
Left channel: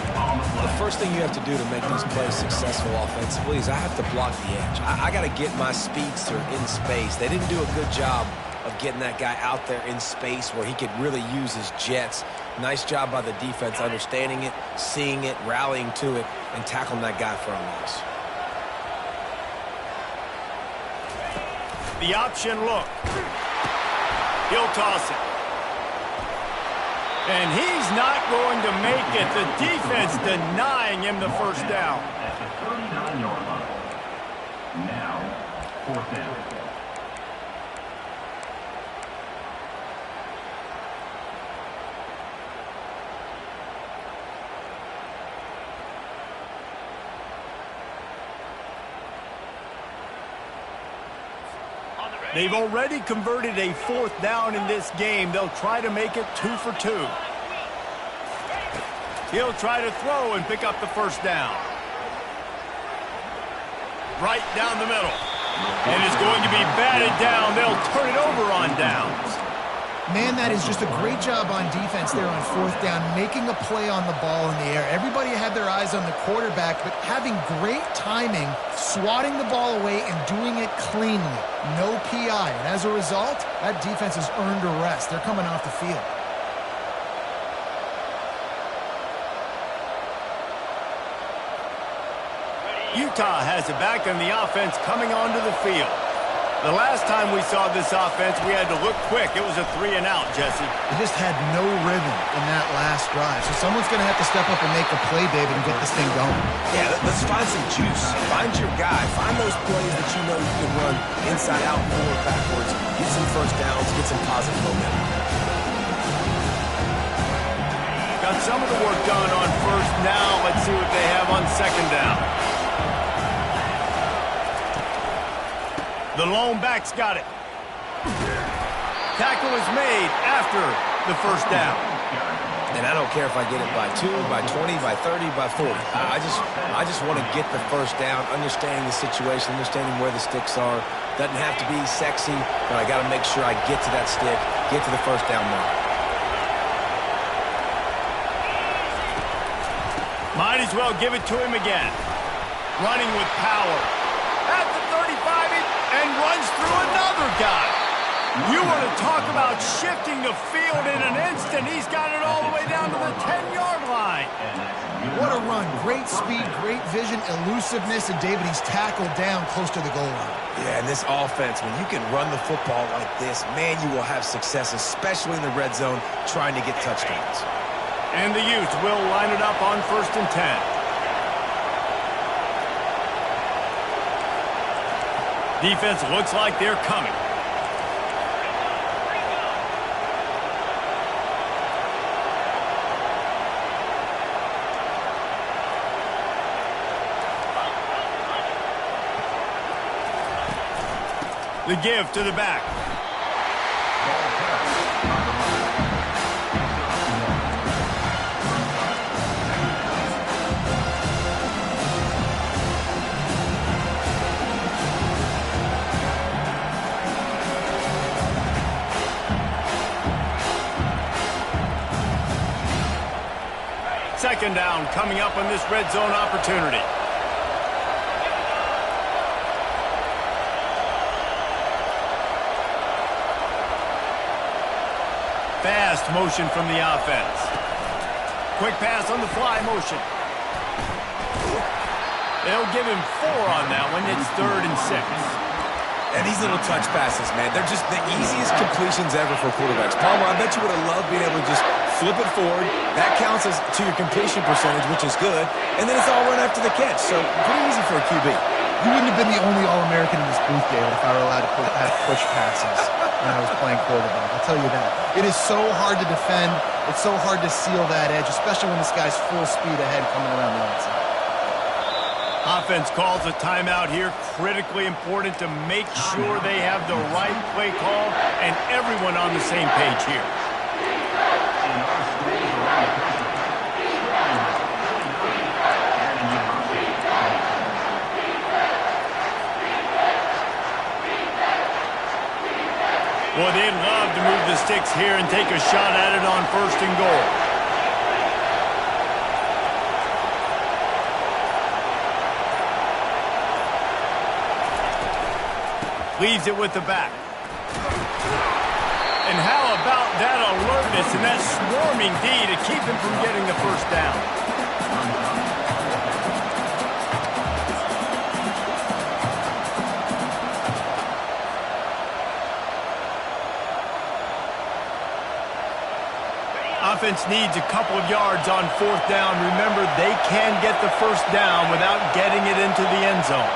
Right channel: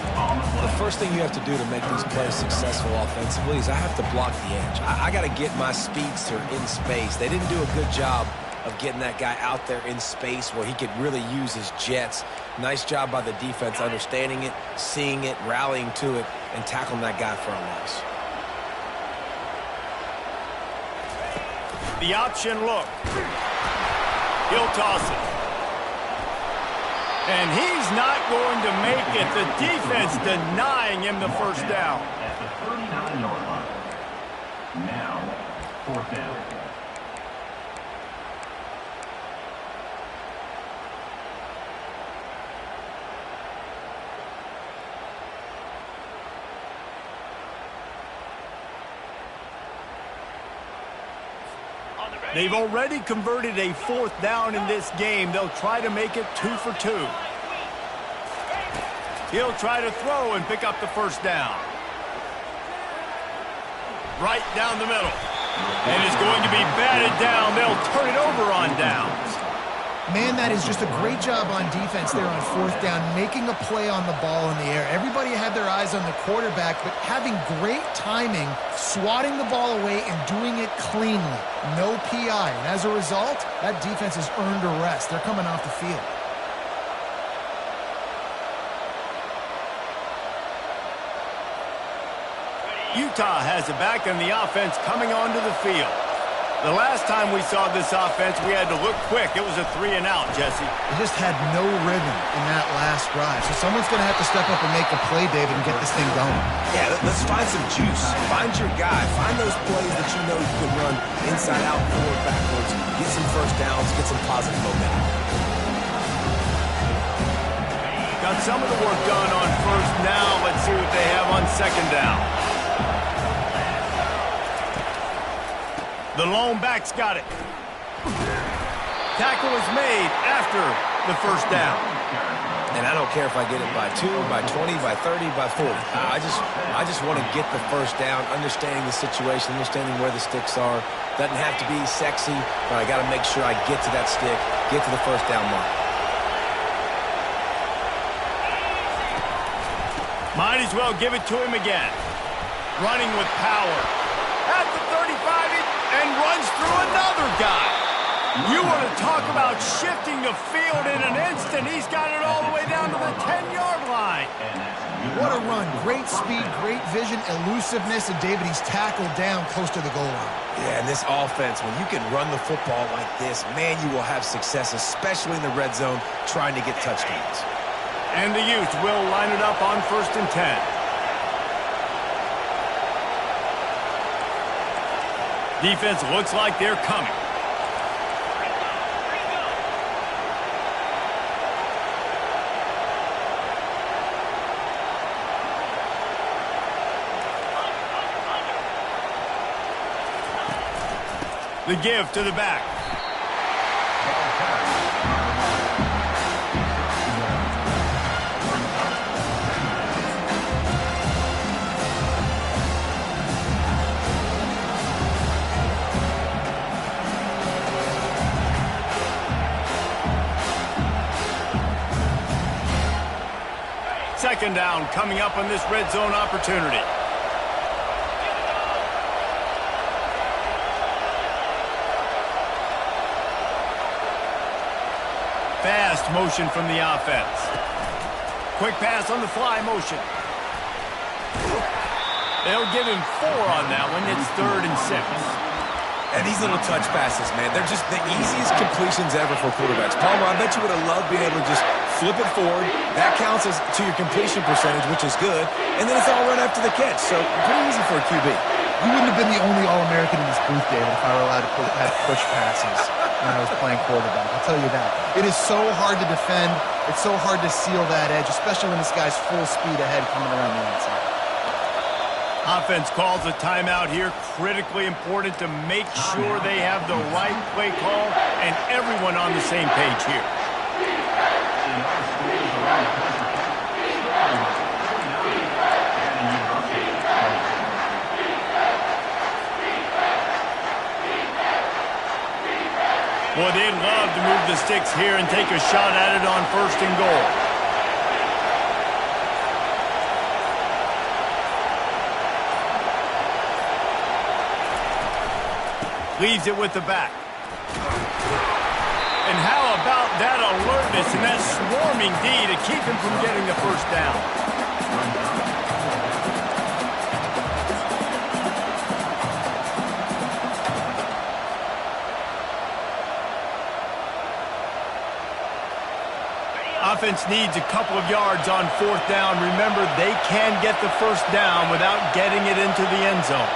The first thing you have to do to make these plays successful offensively is I have to block the edge. I got to get my speedster in space. They didn't do a good job of getting that guy out there in space where he could really use his jets. Nice job by the defense understanding it, seeing it, rallying to it, and tackling that guy for a loss. The option look. He'll toss it. And he's not going to make it. The defense denying him the first down. At the 39-yard line. Now, fourth down. They've already converted a fourth down in this game. They'll try to make it 2 for 2. He'll try to throw and pick up the first down. Right down the middle. And it's going to be batted down. They'll turn it over on downs. Man, that is just a great job on defense there on fourth down, making a play on the ball in the air. Everybody had their eyes on the quarterback, but having great timing, swatting the ball away and doing it cleanly. No PI. And as a result, that defense has earned a rest. They're coming off the field. Utah has it back, and the offense coming onto the field. The last time we saw this offense, we had to look quick. It was a 3-and-out, Jesse. They just had no rhythm in that last drive. So someone's going to have to step up and make a play, David, and get this thing going. Yeah, let's find some juice. Find your guy. Find those plays that you know you can run inside out, forward, backwards. Get some first downs. Get some positive momentum. Got some of the work done on first. Now let's see what they have on second down. The lone back's got it. Tackle is made after the first down. And I don't care if I get it by 2, by 20, by 30, by 40. I just want to get the first down, understanding the situation, understanding where the sticks are. Doesn't have to be sexy, but I got to make sure I get to that stick, get to the first down mark. Might as well give it to him again. Running with power. At the 35 and runs through another guy. You want to talk about shifting the field in an instant. He's got it all the way down to the 10-yard line. And that's What a run. Great speed, great vision, elusiveness, and David, he's tackled down close to the goal line. Yeah, and this offense, when you can run the football like this, man, you will have success, especially in the red zone, trying to get touchdowns. And the Utes will line it up on 1st and 10. Defense looks like they're coming. The give to the back. Second down coming up on this red zone opportunity. Fast motion from the offense. Quick pass on the fly motion. They'll give him 4 on that one. It's 3rd and 6. And these little touch passes, man, they're just the easiest completions ever for quarterbacks. Palmer, I bet you would have loved being able to just flip it forward. That counts as to your completion percentage, which is good. And then it's all run after the catch. So pretty easy for a QB. You wouldn't have been the only All-American in this booth, David, if I were allowed to have push passes when I was playing quarterback. I'll tell you that. It is so hard to defend. It's so hard to seal that edge, especially when this guy's full speed ahead coming around the outside. Offense calls a timeout here. Critically important to make sure they have the right play call and everyone on the same page here. In our schools around the country, Sterling 49, Cannon University 24. Well, they'd love to move the sticks here and take a shot at it on 1st and goal. Leaves it with the back. And how about that alertness and that swarming D to keep him from getting the first down? Offense needs a couple of yards on 4th down. Remember, they can get the first down without getting it into the end zone.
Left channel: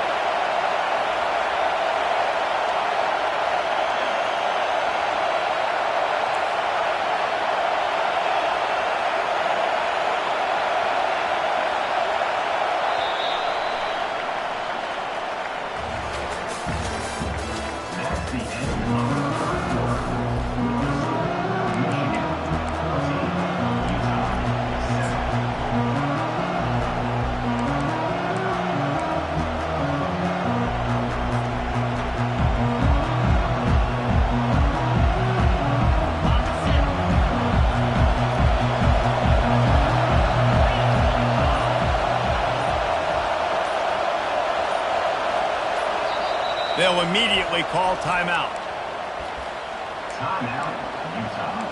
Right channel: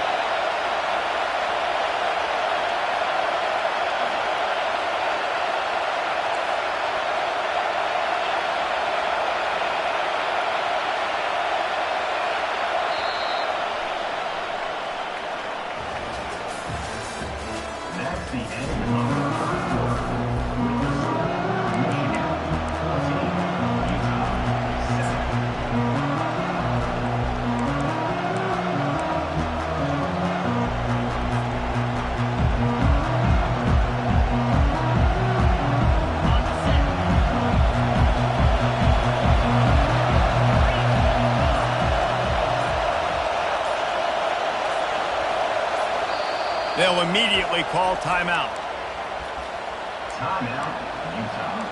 That's the end of the first quarter. With the score, Michigan 14, Utah 7. They'll immediately call timeout. Timeout, Utah.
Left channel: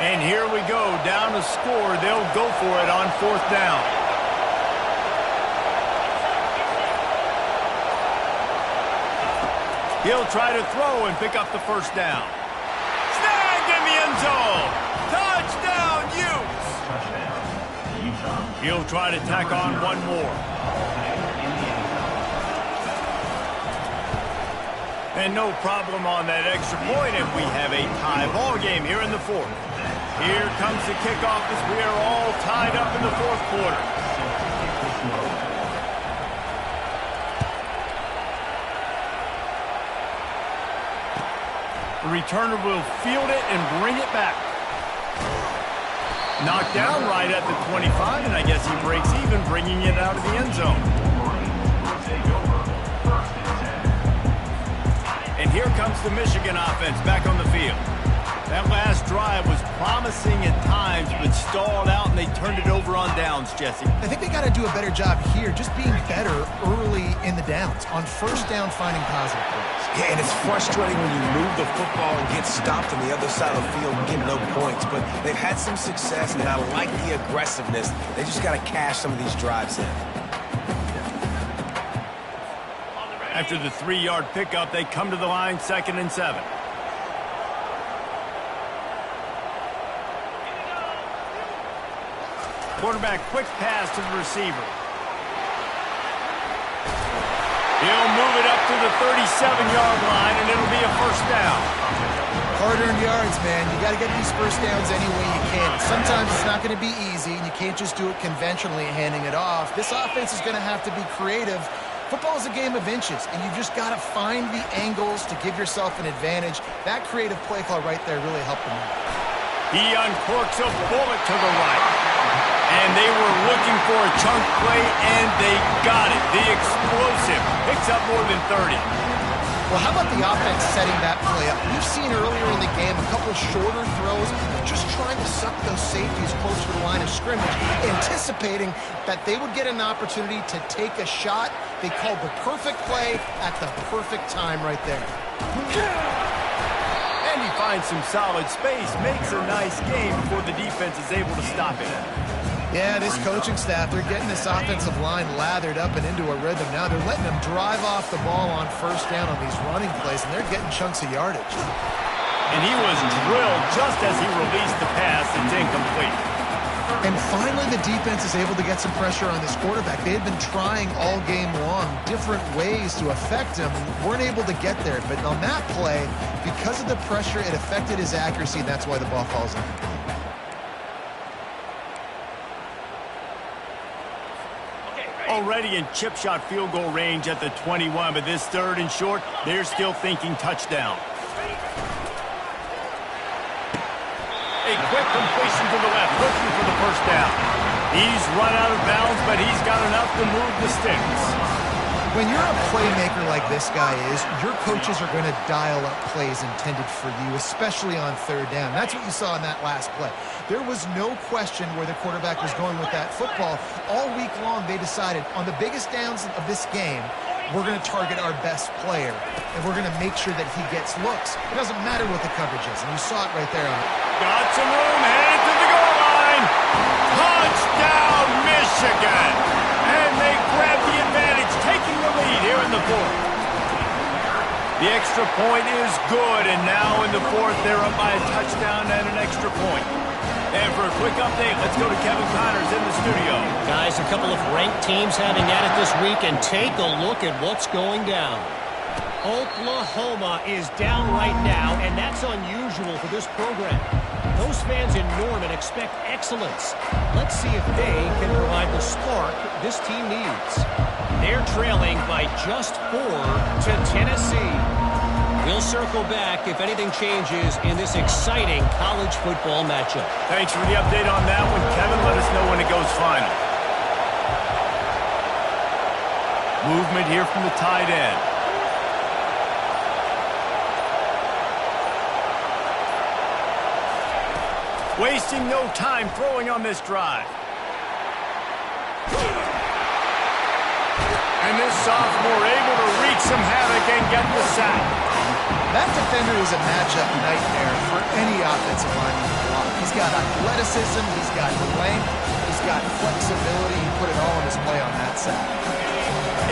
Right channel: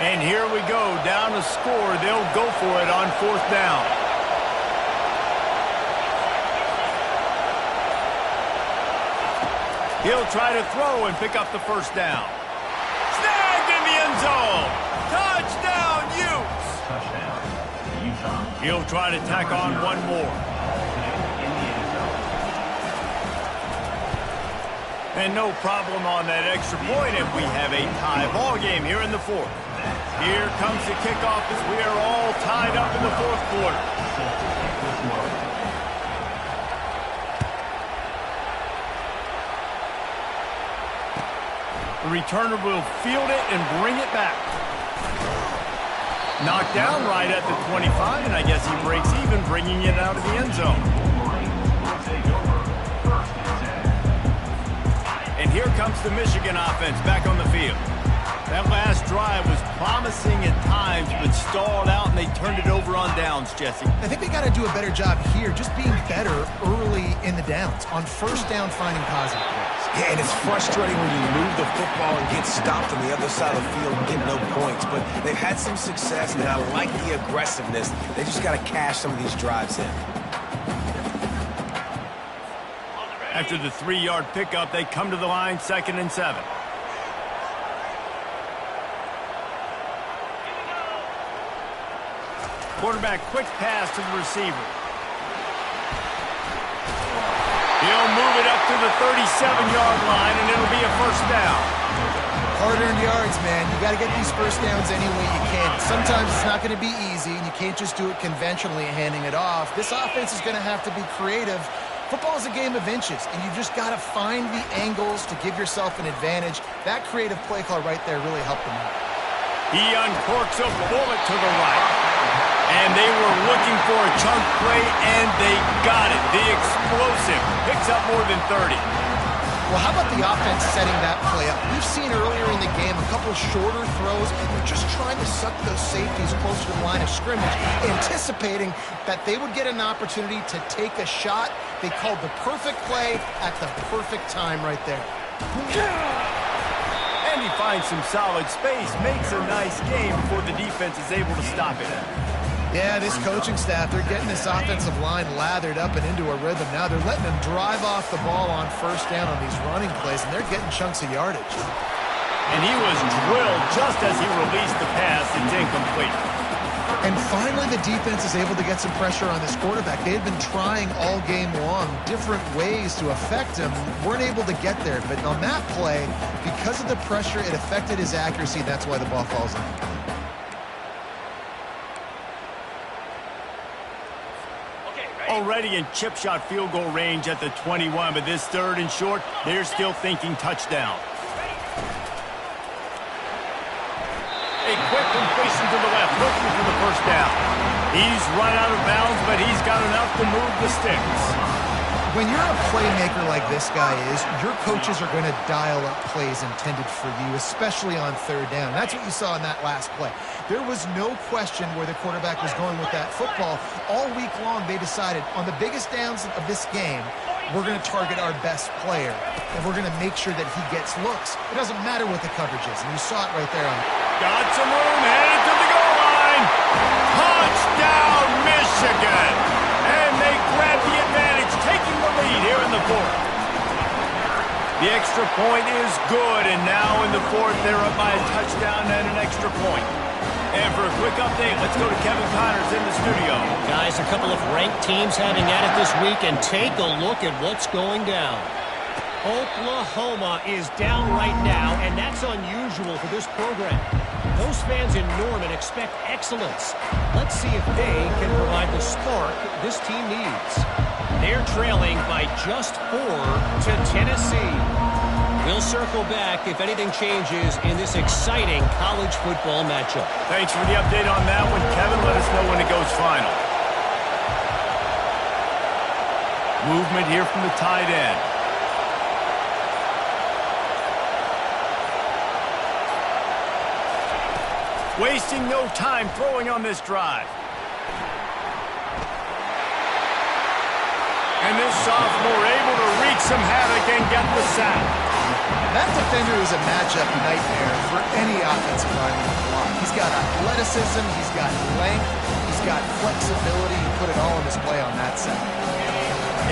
And here we go, down a score. They'll go for it on 4th down. He'll try to throw and pick up the first down. Snagged in the end zone. Touchdown, Utes. Touchdown, Utah. He'll try to tack on one more. In the end zone. And no problem on that extra point, and we have a tie ball game here in the 4th. Here comes the kickoff as we are all tied up in the 4th quarter. Set to kick this one. The returner will field it and bring it back. Knocked down right at the 25, and I guess he breaks even, bringing it out of the end zone. Wolverines will take over 1st and 10. And here comes the Michigan offense back on the field. That last drive was promising at times, but stalled out, and they turned it over on downs, Jesse. I think they got to do a better job here, just being better early in the downs, on first down finding positive plays. Yeah, and it's frustrating when you move the football and get stopped on the other side of the field and get no points. But they've had some success, and I like the aggressiveness. They just got to cash some of these drives in. After the 3-yard pickup, they come to the line, 2nd and 7. Quarterback quick pass to the receiver. He'll move it up to the 37-yard line, and it'll be a first down. Hard-earned yards, man. You got to get these first downs any way you can. Sometimes it's not going to be easy, and you can't just do it conventionally handing it off. This offense is going to have to be creative. Football is a game of inches, and you've just got to find the angles to give yourself an advantage. That creative play call right there really helped them out. He uncorks a bullet to the right. And they were looking for a chunk play, and they got it. The explosive picks up more than 30. Well, how about the offense setting that play up? We've seen earlier in the game a couple shorter throws. They're just trying to suck those safeties closer to the line of scrimmage, anticipating that they would get an opportunity to take a shot. They called the perfect play at the perfect time right there. And he finds some solid space, makes a nice game before the defense is able to stop it. Yeah, this coaching staff, they're getting this offensive line lathered up and into a rhythm now. They're letting them drive off the ball on first down on these running plays, and they're getting chunks of yardage. And he was drilled just as he released the pass. It's incomplete. And finally, the defense is able to get some pressure on this quarterback. They had been trying all game long different ways to affect him, weren't able to get there. But on that play, because of the pressure, it affected his accuracy, and that's why the ball falls incomplete. Already in chip shot field goal range at the 21, but this 3rd and short, they're still thinking touchdown. A quick completion to the left, looking for the first down. He's run out of bounds, but he's got enough to move the sticks. When you're a playmaker like this guy is, your coaches are going to dial up plays intended for you, especially on 3rd down. That's what you saw in that last play. There was no question where the quarterback was going with that football. All week long, they decided on the biggest downs of this game, we're going to target our best player, and we're going to make sure that he gets looks. It doesn't matter what the coverage is, and you saw it right there. Got some room, headed to the goal line. Touchdown, Michigan! And they grab the advantage, taking the lead here in the 4th. The extra point is good, and now in the 4th, they're up by a touchdown and an extra point. And for a quick update, let's go to Kevin Connors in the studio. Guys, a couple of ranked teams having at it this week, and take a look at what's going down. Oklahoma is down right now, and that's unusual for this program. Those fans in Norman expect excellence. Let's see if they can provide the spark this team needs. They're trailing by just 4 to Tennessee. We'll circle back if anything changes in this exciting college football matchup. Thanks for the update on that one, Kevin. Let us know when it goes final. Movement here from the tight end. Wasting no time throwing on this drive. And this sophomore able to wreak some havoc and get the sack. That defender is a matchup nightmare for any offensive lineman to block. He's got athleticism, he's got length, he's got flexibility. He put it all on display on that sack.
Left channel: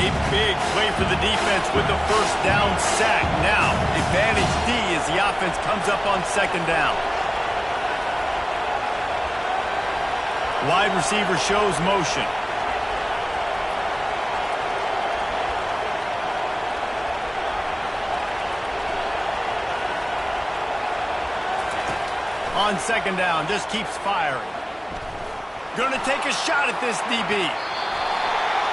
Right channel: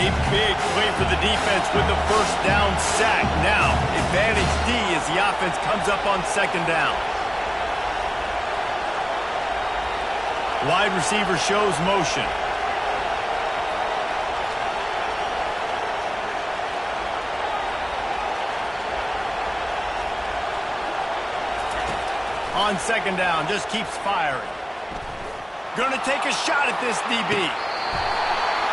A big play for the defense with the first down sack. Now, advantage D as the offense comes up on 2nd down. Wide receiver shows motion. On 2nd down, just keeps firing. Gonna take a shot at this DB.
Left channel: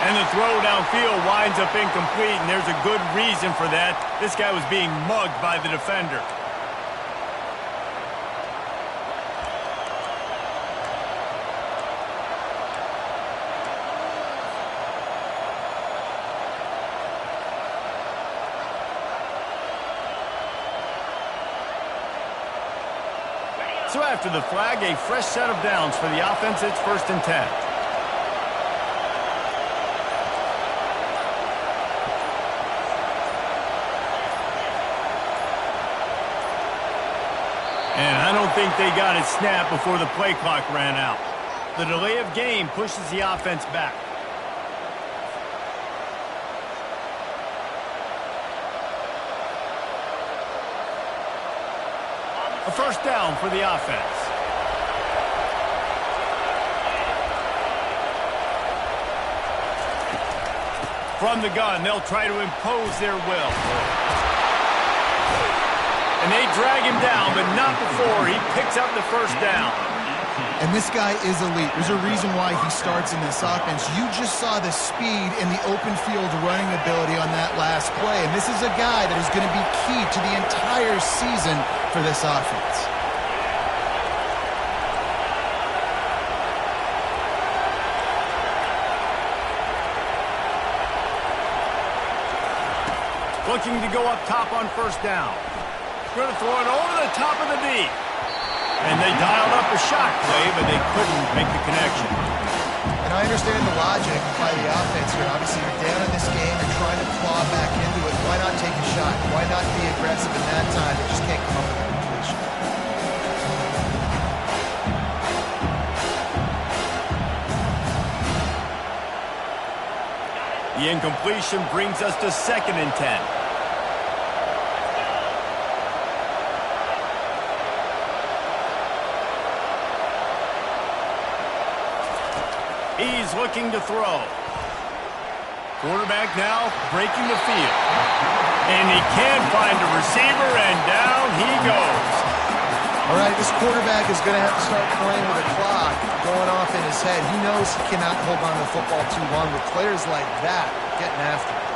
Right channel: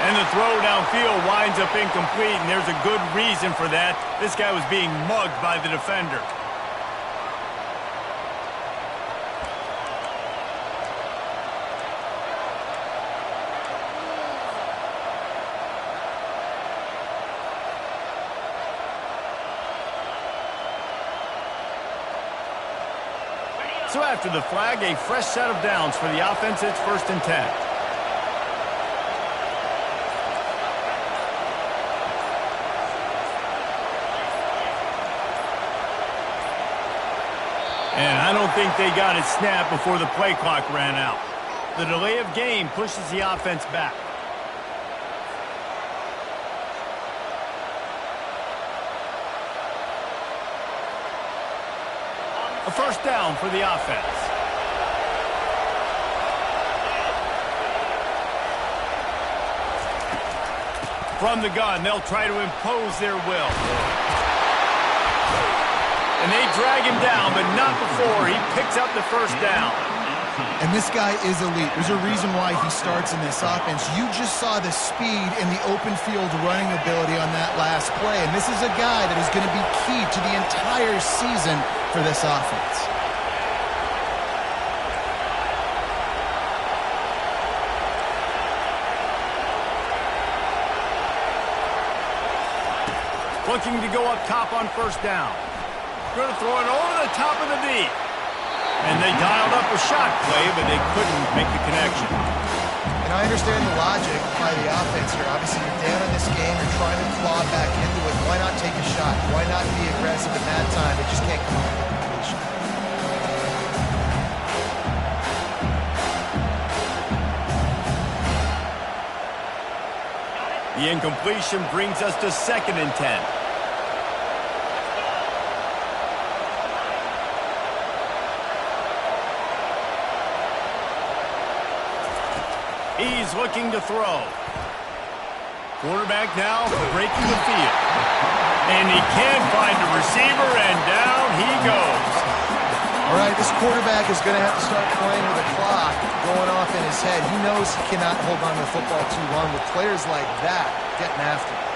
And the throw downfield winds up incomplete, and there's a good reason for that. This guy was being mugged by the defender. So after the flag, a fresh set of downs for the offense. It's 1st and 10. And I don't think they got it snapped before the play clock ran out. The delay of game pushes the offense back. A first down for the offense. From the gun, they'll try to impose their will. And they drag him down, but not before he picks up the first down. And this guy is elite. There's a reason why he starts in this offense. You just saw the speed and the open field running ability on that last play. And this is a guy that is going to be key to the entire season for this offense. Looking to go up top on first down. Going to throw it over the top of the D. And they dialed up a shot play, but they couldn't make the connection. And I understand the logic by the offense here. Obviously, you're down in this game. You're trying to claw back into it. Why not take a shot? Why not be aggressive at that time? They just can't come up with a completion. The incompletion brings us to 2nd and 10. He's looking to throw. Quarterback now breaking the field. And he can't find a receiver, and down he goes. All right, this quarterback is going to have to start playing with a clock going off in his head. He knows he cannot hold on to the football too long with players like that getting after him.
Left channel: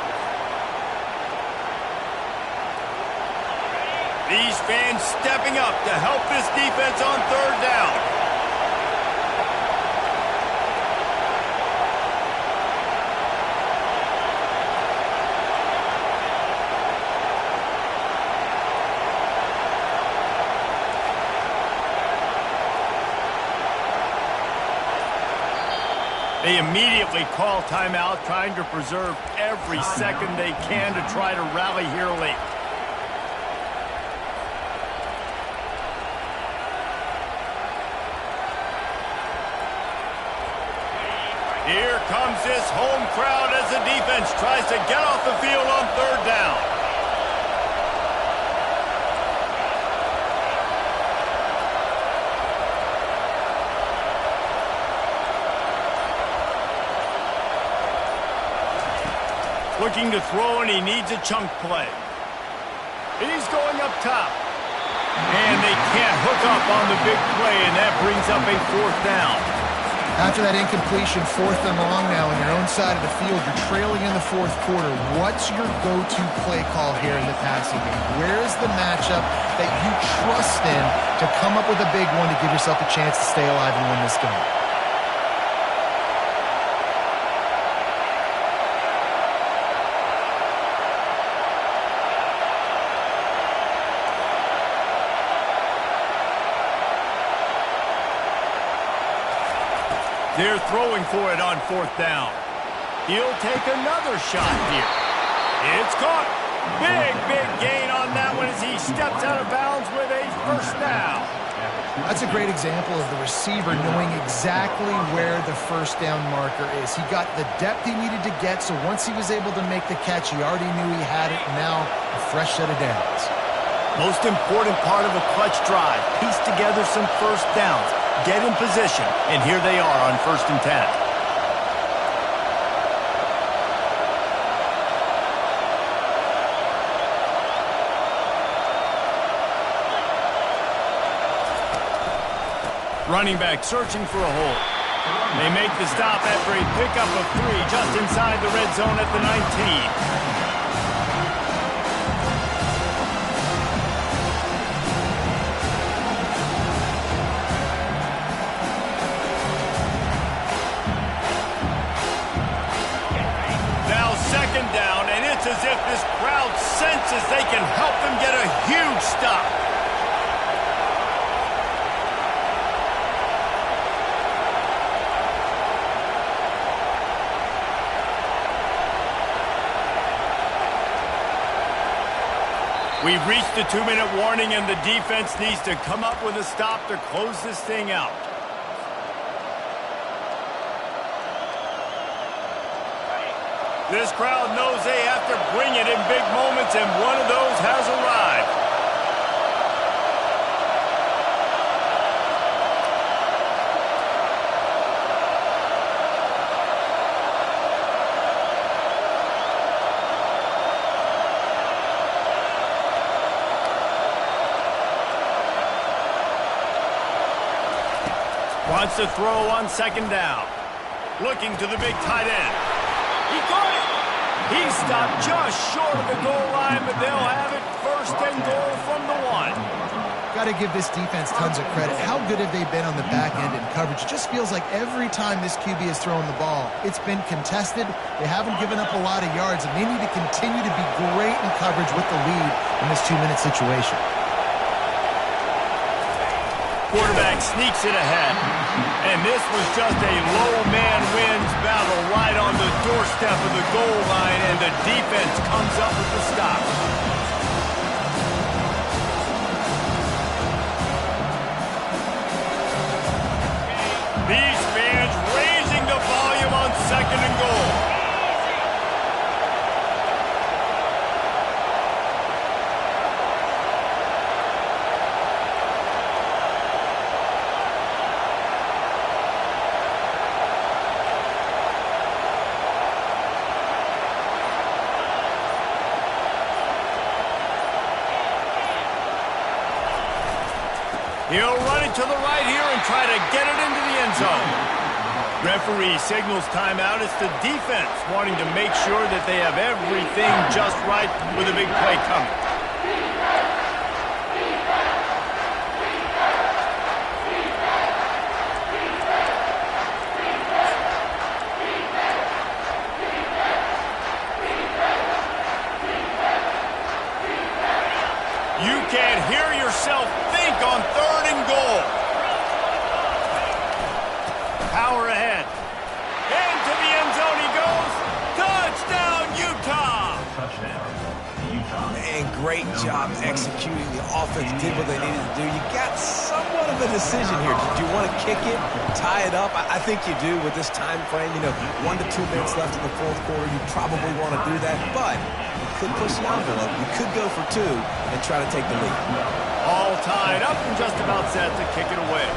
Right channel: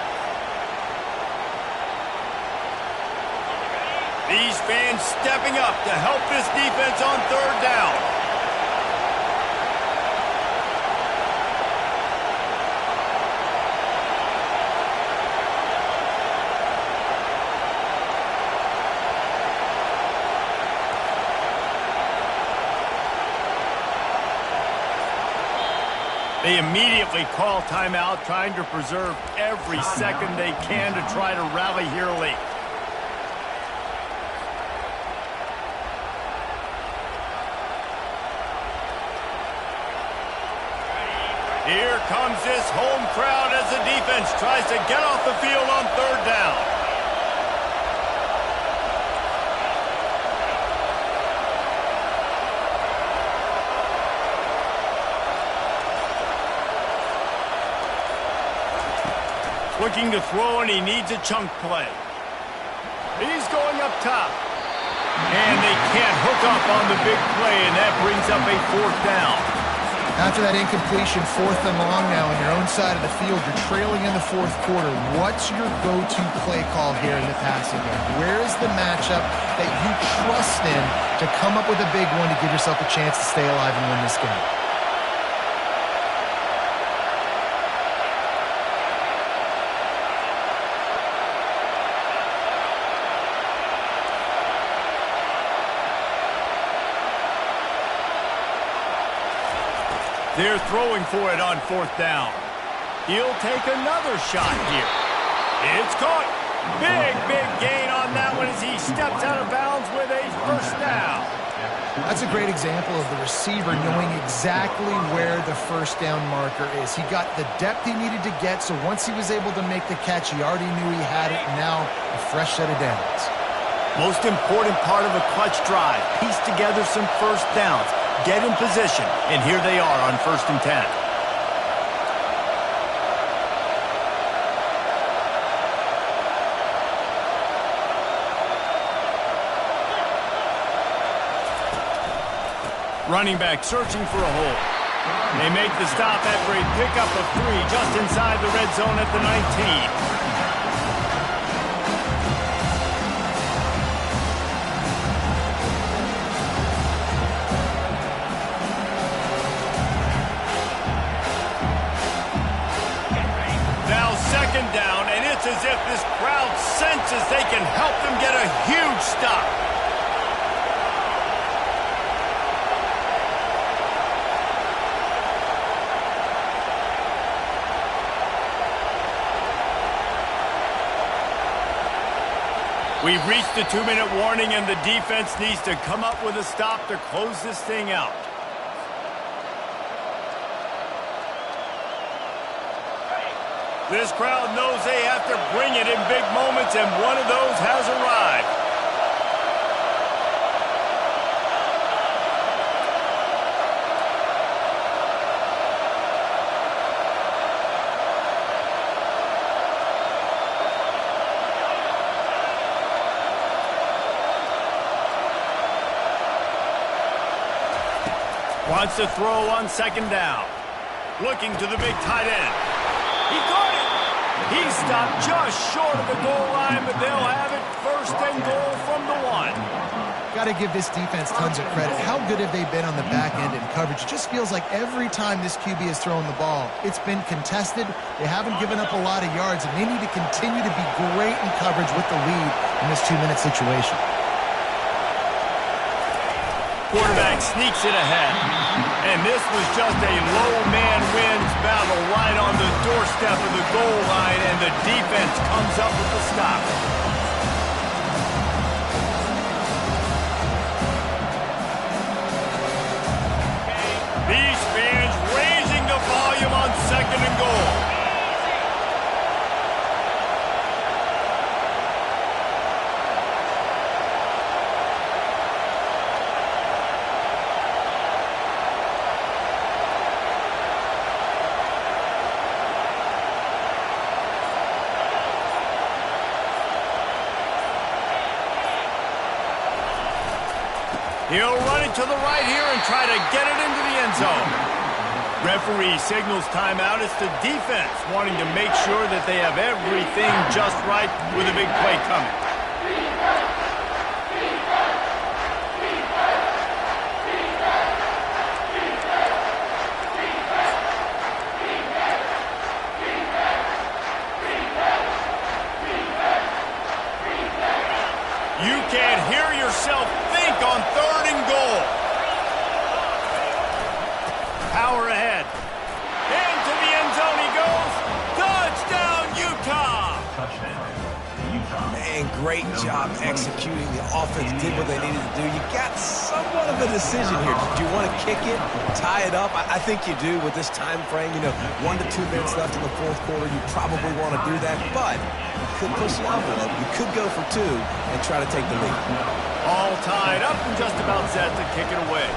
These fans stepping up to help this defense on 3rd down. They immediately call timeout, trying to preserve every second they can to try to rally here late. Here comes this home crowd as the defense tries to get off the field on 3rd down. Looking to throw, and he needs a chunk play. He's going up top. And they can't hook up on the big play, and that brings up a 4th down. After that incompletion, 4th and long now on your own side of the field. You're trailing in the 4th quarter. What's your go-to play call here in the passing game? Where is the matchup that you trust in to come up with a big one to give yourself a chance to stay alive and win this game? They're throwing for it on 4th down. He'll take another shot here. It's caught. Big gain on that one as he steps out of bounds with a first down. That's a great example of the receiver knowing exactly where the first down marker is. He got the depth he needed to get, so once he was able to make the catch, he already knew he had it, and now a fresh set of downs. Most important part of a clutch drive, piece together some first downs. Get in position, and here they are on 1st and 10. Running back searching for a hole. They make the stop after a pickup of 3 just inside the red zone at the 19. Second down, and it's as if this crowd senses they can help them get a huge stop. We've reached the 2-minute warning, and the defense needs to come up with a stop to close this thing out. This crowd knows they have to bring it in big moments, and one of those has arrived. Wants to throw on second down. Looking to the big tight end. He caught it. He stopped just short of the goal line, but they'll have it first and goal from the 1. Got to give this defense tons of credit. How good have they been on the back end in coverage? It just feels like every time this QB has thrown the ball, it's been contested. They haven't given up a lot of yards, and they need to continue to be great in coverage with the lead in this 2-minute situation. Quarterback sneaks it ahead. And this was just a low man wins battle right on the doorstep of the goal line, and the defense comes up with the stop. These fans raising the volume on second and goal. He'll run it to the right here and try to get it into the end zone. Referee signals timeout. It's the defense wanting to make sure that they have everything just right with a big play coming. You can't hear yourself think on third and goal. Power ahead. Into the end zone he goes. Touchdown, Utah! Touchdown, Utah. Man, great job executing. The offense did what they needed to do. You got somewhat of a decision here. Do you want to kick it, tie it up? I think you do with this time frame. 1 to 2 minutes left in the fourth quarter. You probably want to do that, but you could push the envelope. You could go for 2 and try to take the lead. All tied up and just about set to kick it away.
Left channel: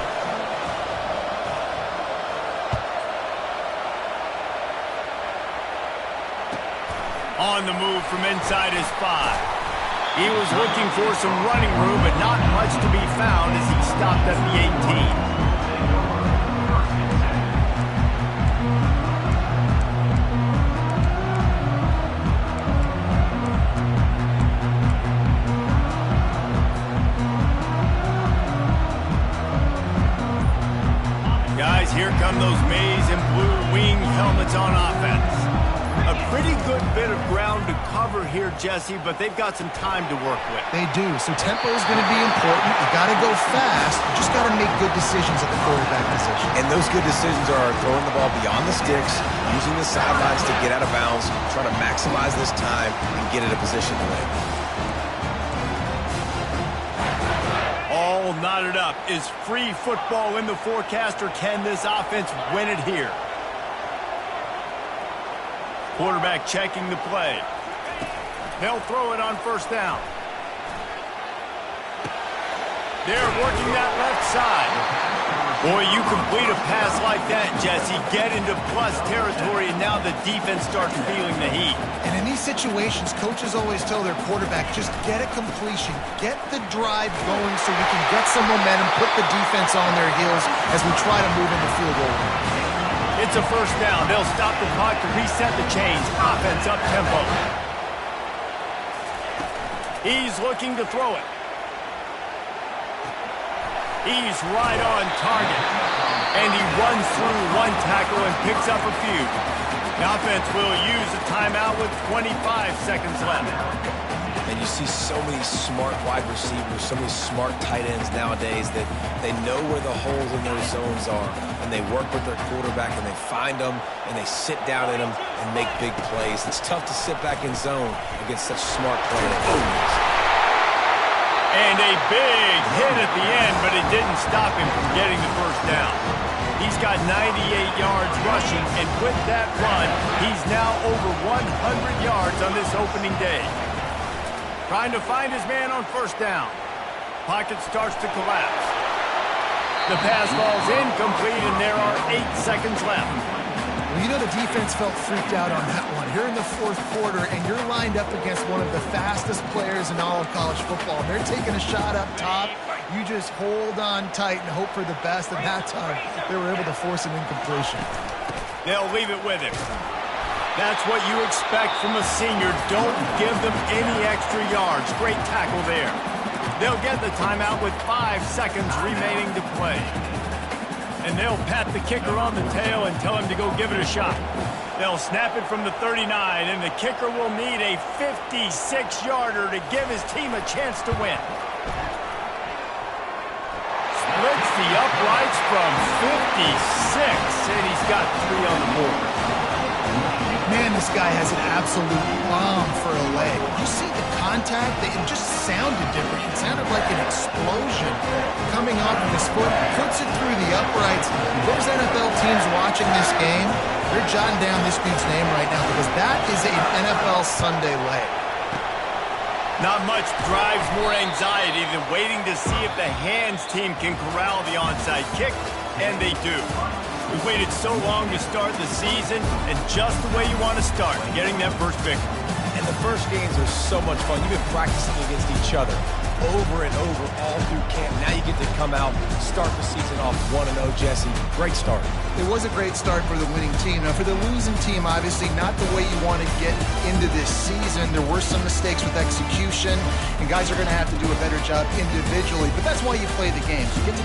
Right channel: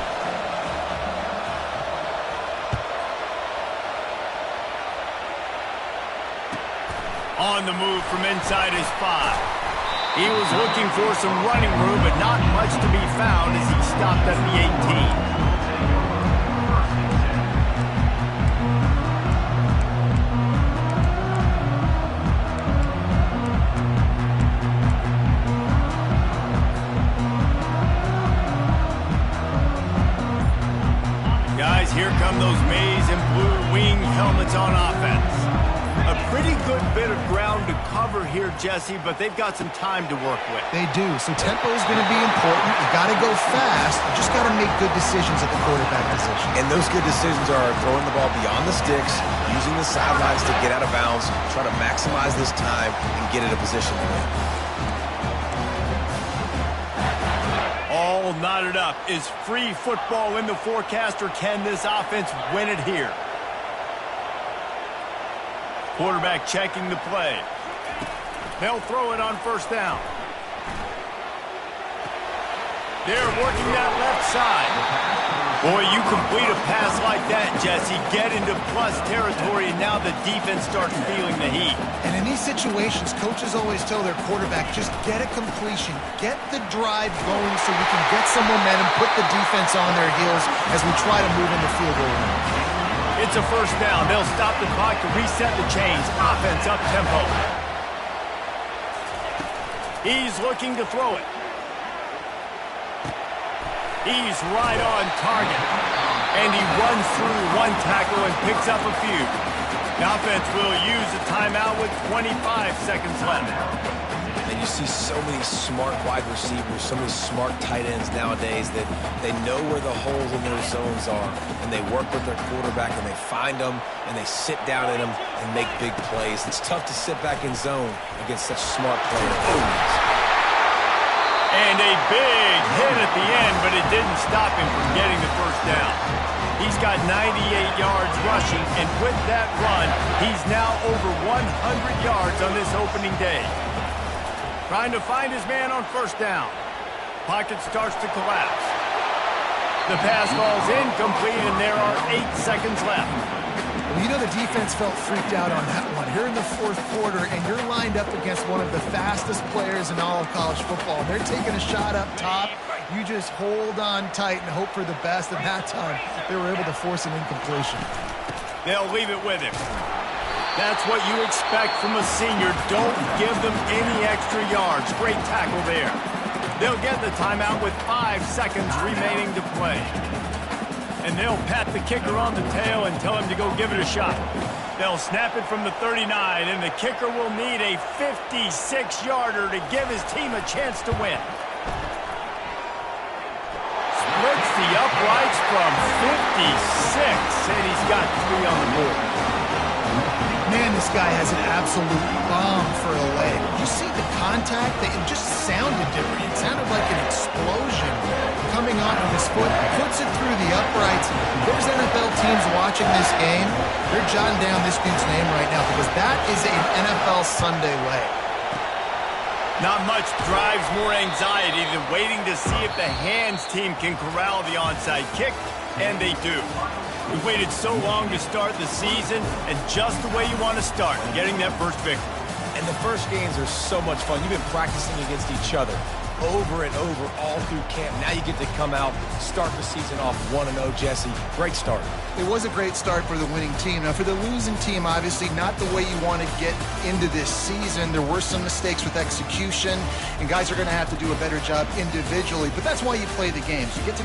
On the move from inside his 5. He was looking for some running room, but not much to be found as he stopped at the 18. Guys, here come those maize and blue wing helmets on offense. A pretty good bit of ground to cover here, Jesse, but they've got some time to work with. They do, so tempo is going to be important. You got to go fast. You just got to make good decisions at the quarterback position. And those good decisions are throwing the ball beyond the sticks, using the sidelines to get out of bounds, try to maximize this time and get in a position to win. All knotted up. Is free football in the forecast, or can this offense win it here? Quarterback checking the play. They'll throw it on first down. They're working that left side. Boy, you complete a pass like that, Jesse, get into plus territory, and now the defense starts feeling the heat. And in these situations, coaches always tell their quarterback, just get a completion, get the drive going so we can get some momentum, put the defense on their heels as we try to move into field goal range. It's a first down. They'll stop the clock to reset the chains. Offense up tempo. He's looking to throw it. He's right on target. And he runs through one tackle and picks up a few. The offense will use a timeout with 25 seconds left. And you see so many smart wide receivers, so many smart tight ends nowadays that they know where the holes in their zones are, and they work with their quarterback, and they find them, and they sit down in them and make big plays. It's tough to sit back in zone against such smart players. And a big hit at the end, but it didn't stop him from getting the first down. He's got 98 yards rushing, and with that run, he's now over 100 yards on this opening day. Trying to find his man on first down. Pocket starts to collapse. The pass falls incomplete, and there are 8 seconds left. Well, you know the defense felt freaked out on that one. Here in the fourth quarter, and you're lined up against one of the fastest players in all of college football. They're taking a shot up top. You just hold on tight and hope for the best. And that time, they were able to force an incompletion. They'll leave it with him. That's what you expect from a senior. Don't give them any extra yards. Great tackle there. They'll get the timeout with 5 seconds remaining to play. And they'll pat the kicker on the tail and tell him to go give it a shot. They'll snap it from the 39, and the kicker will need a 56-yarder to give his team a chance to win. Splits the uprights from 56, and he's got 3 on the board. Man, this guy has an absolute bomb for a leg. You see the contact? It just sounded different. It sounded like an explosion coming off of his foot. Puts it through the uprights. There's NFL teams watching this game. They're jotting down this dude's name right now because that is an NFL Sunday leg. Not much drives more anxiety than waiting to see if the hands team can corral the onside kick, and they do. We waited so long to start the season, and just the way you want to start, getting that first victory. And the first games are so much fun. You've been practicing against each other over and over all through camp. Now you get to come out, start the season off 1-0, Jesse. Great start. It was a great start for the winning team. Now, for the losing team, obviously not the way you want to get into this season. There were some mistakes with execution, and guys are going to have to do a better job individually. But that's why you play the games. You get to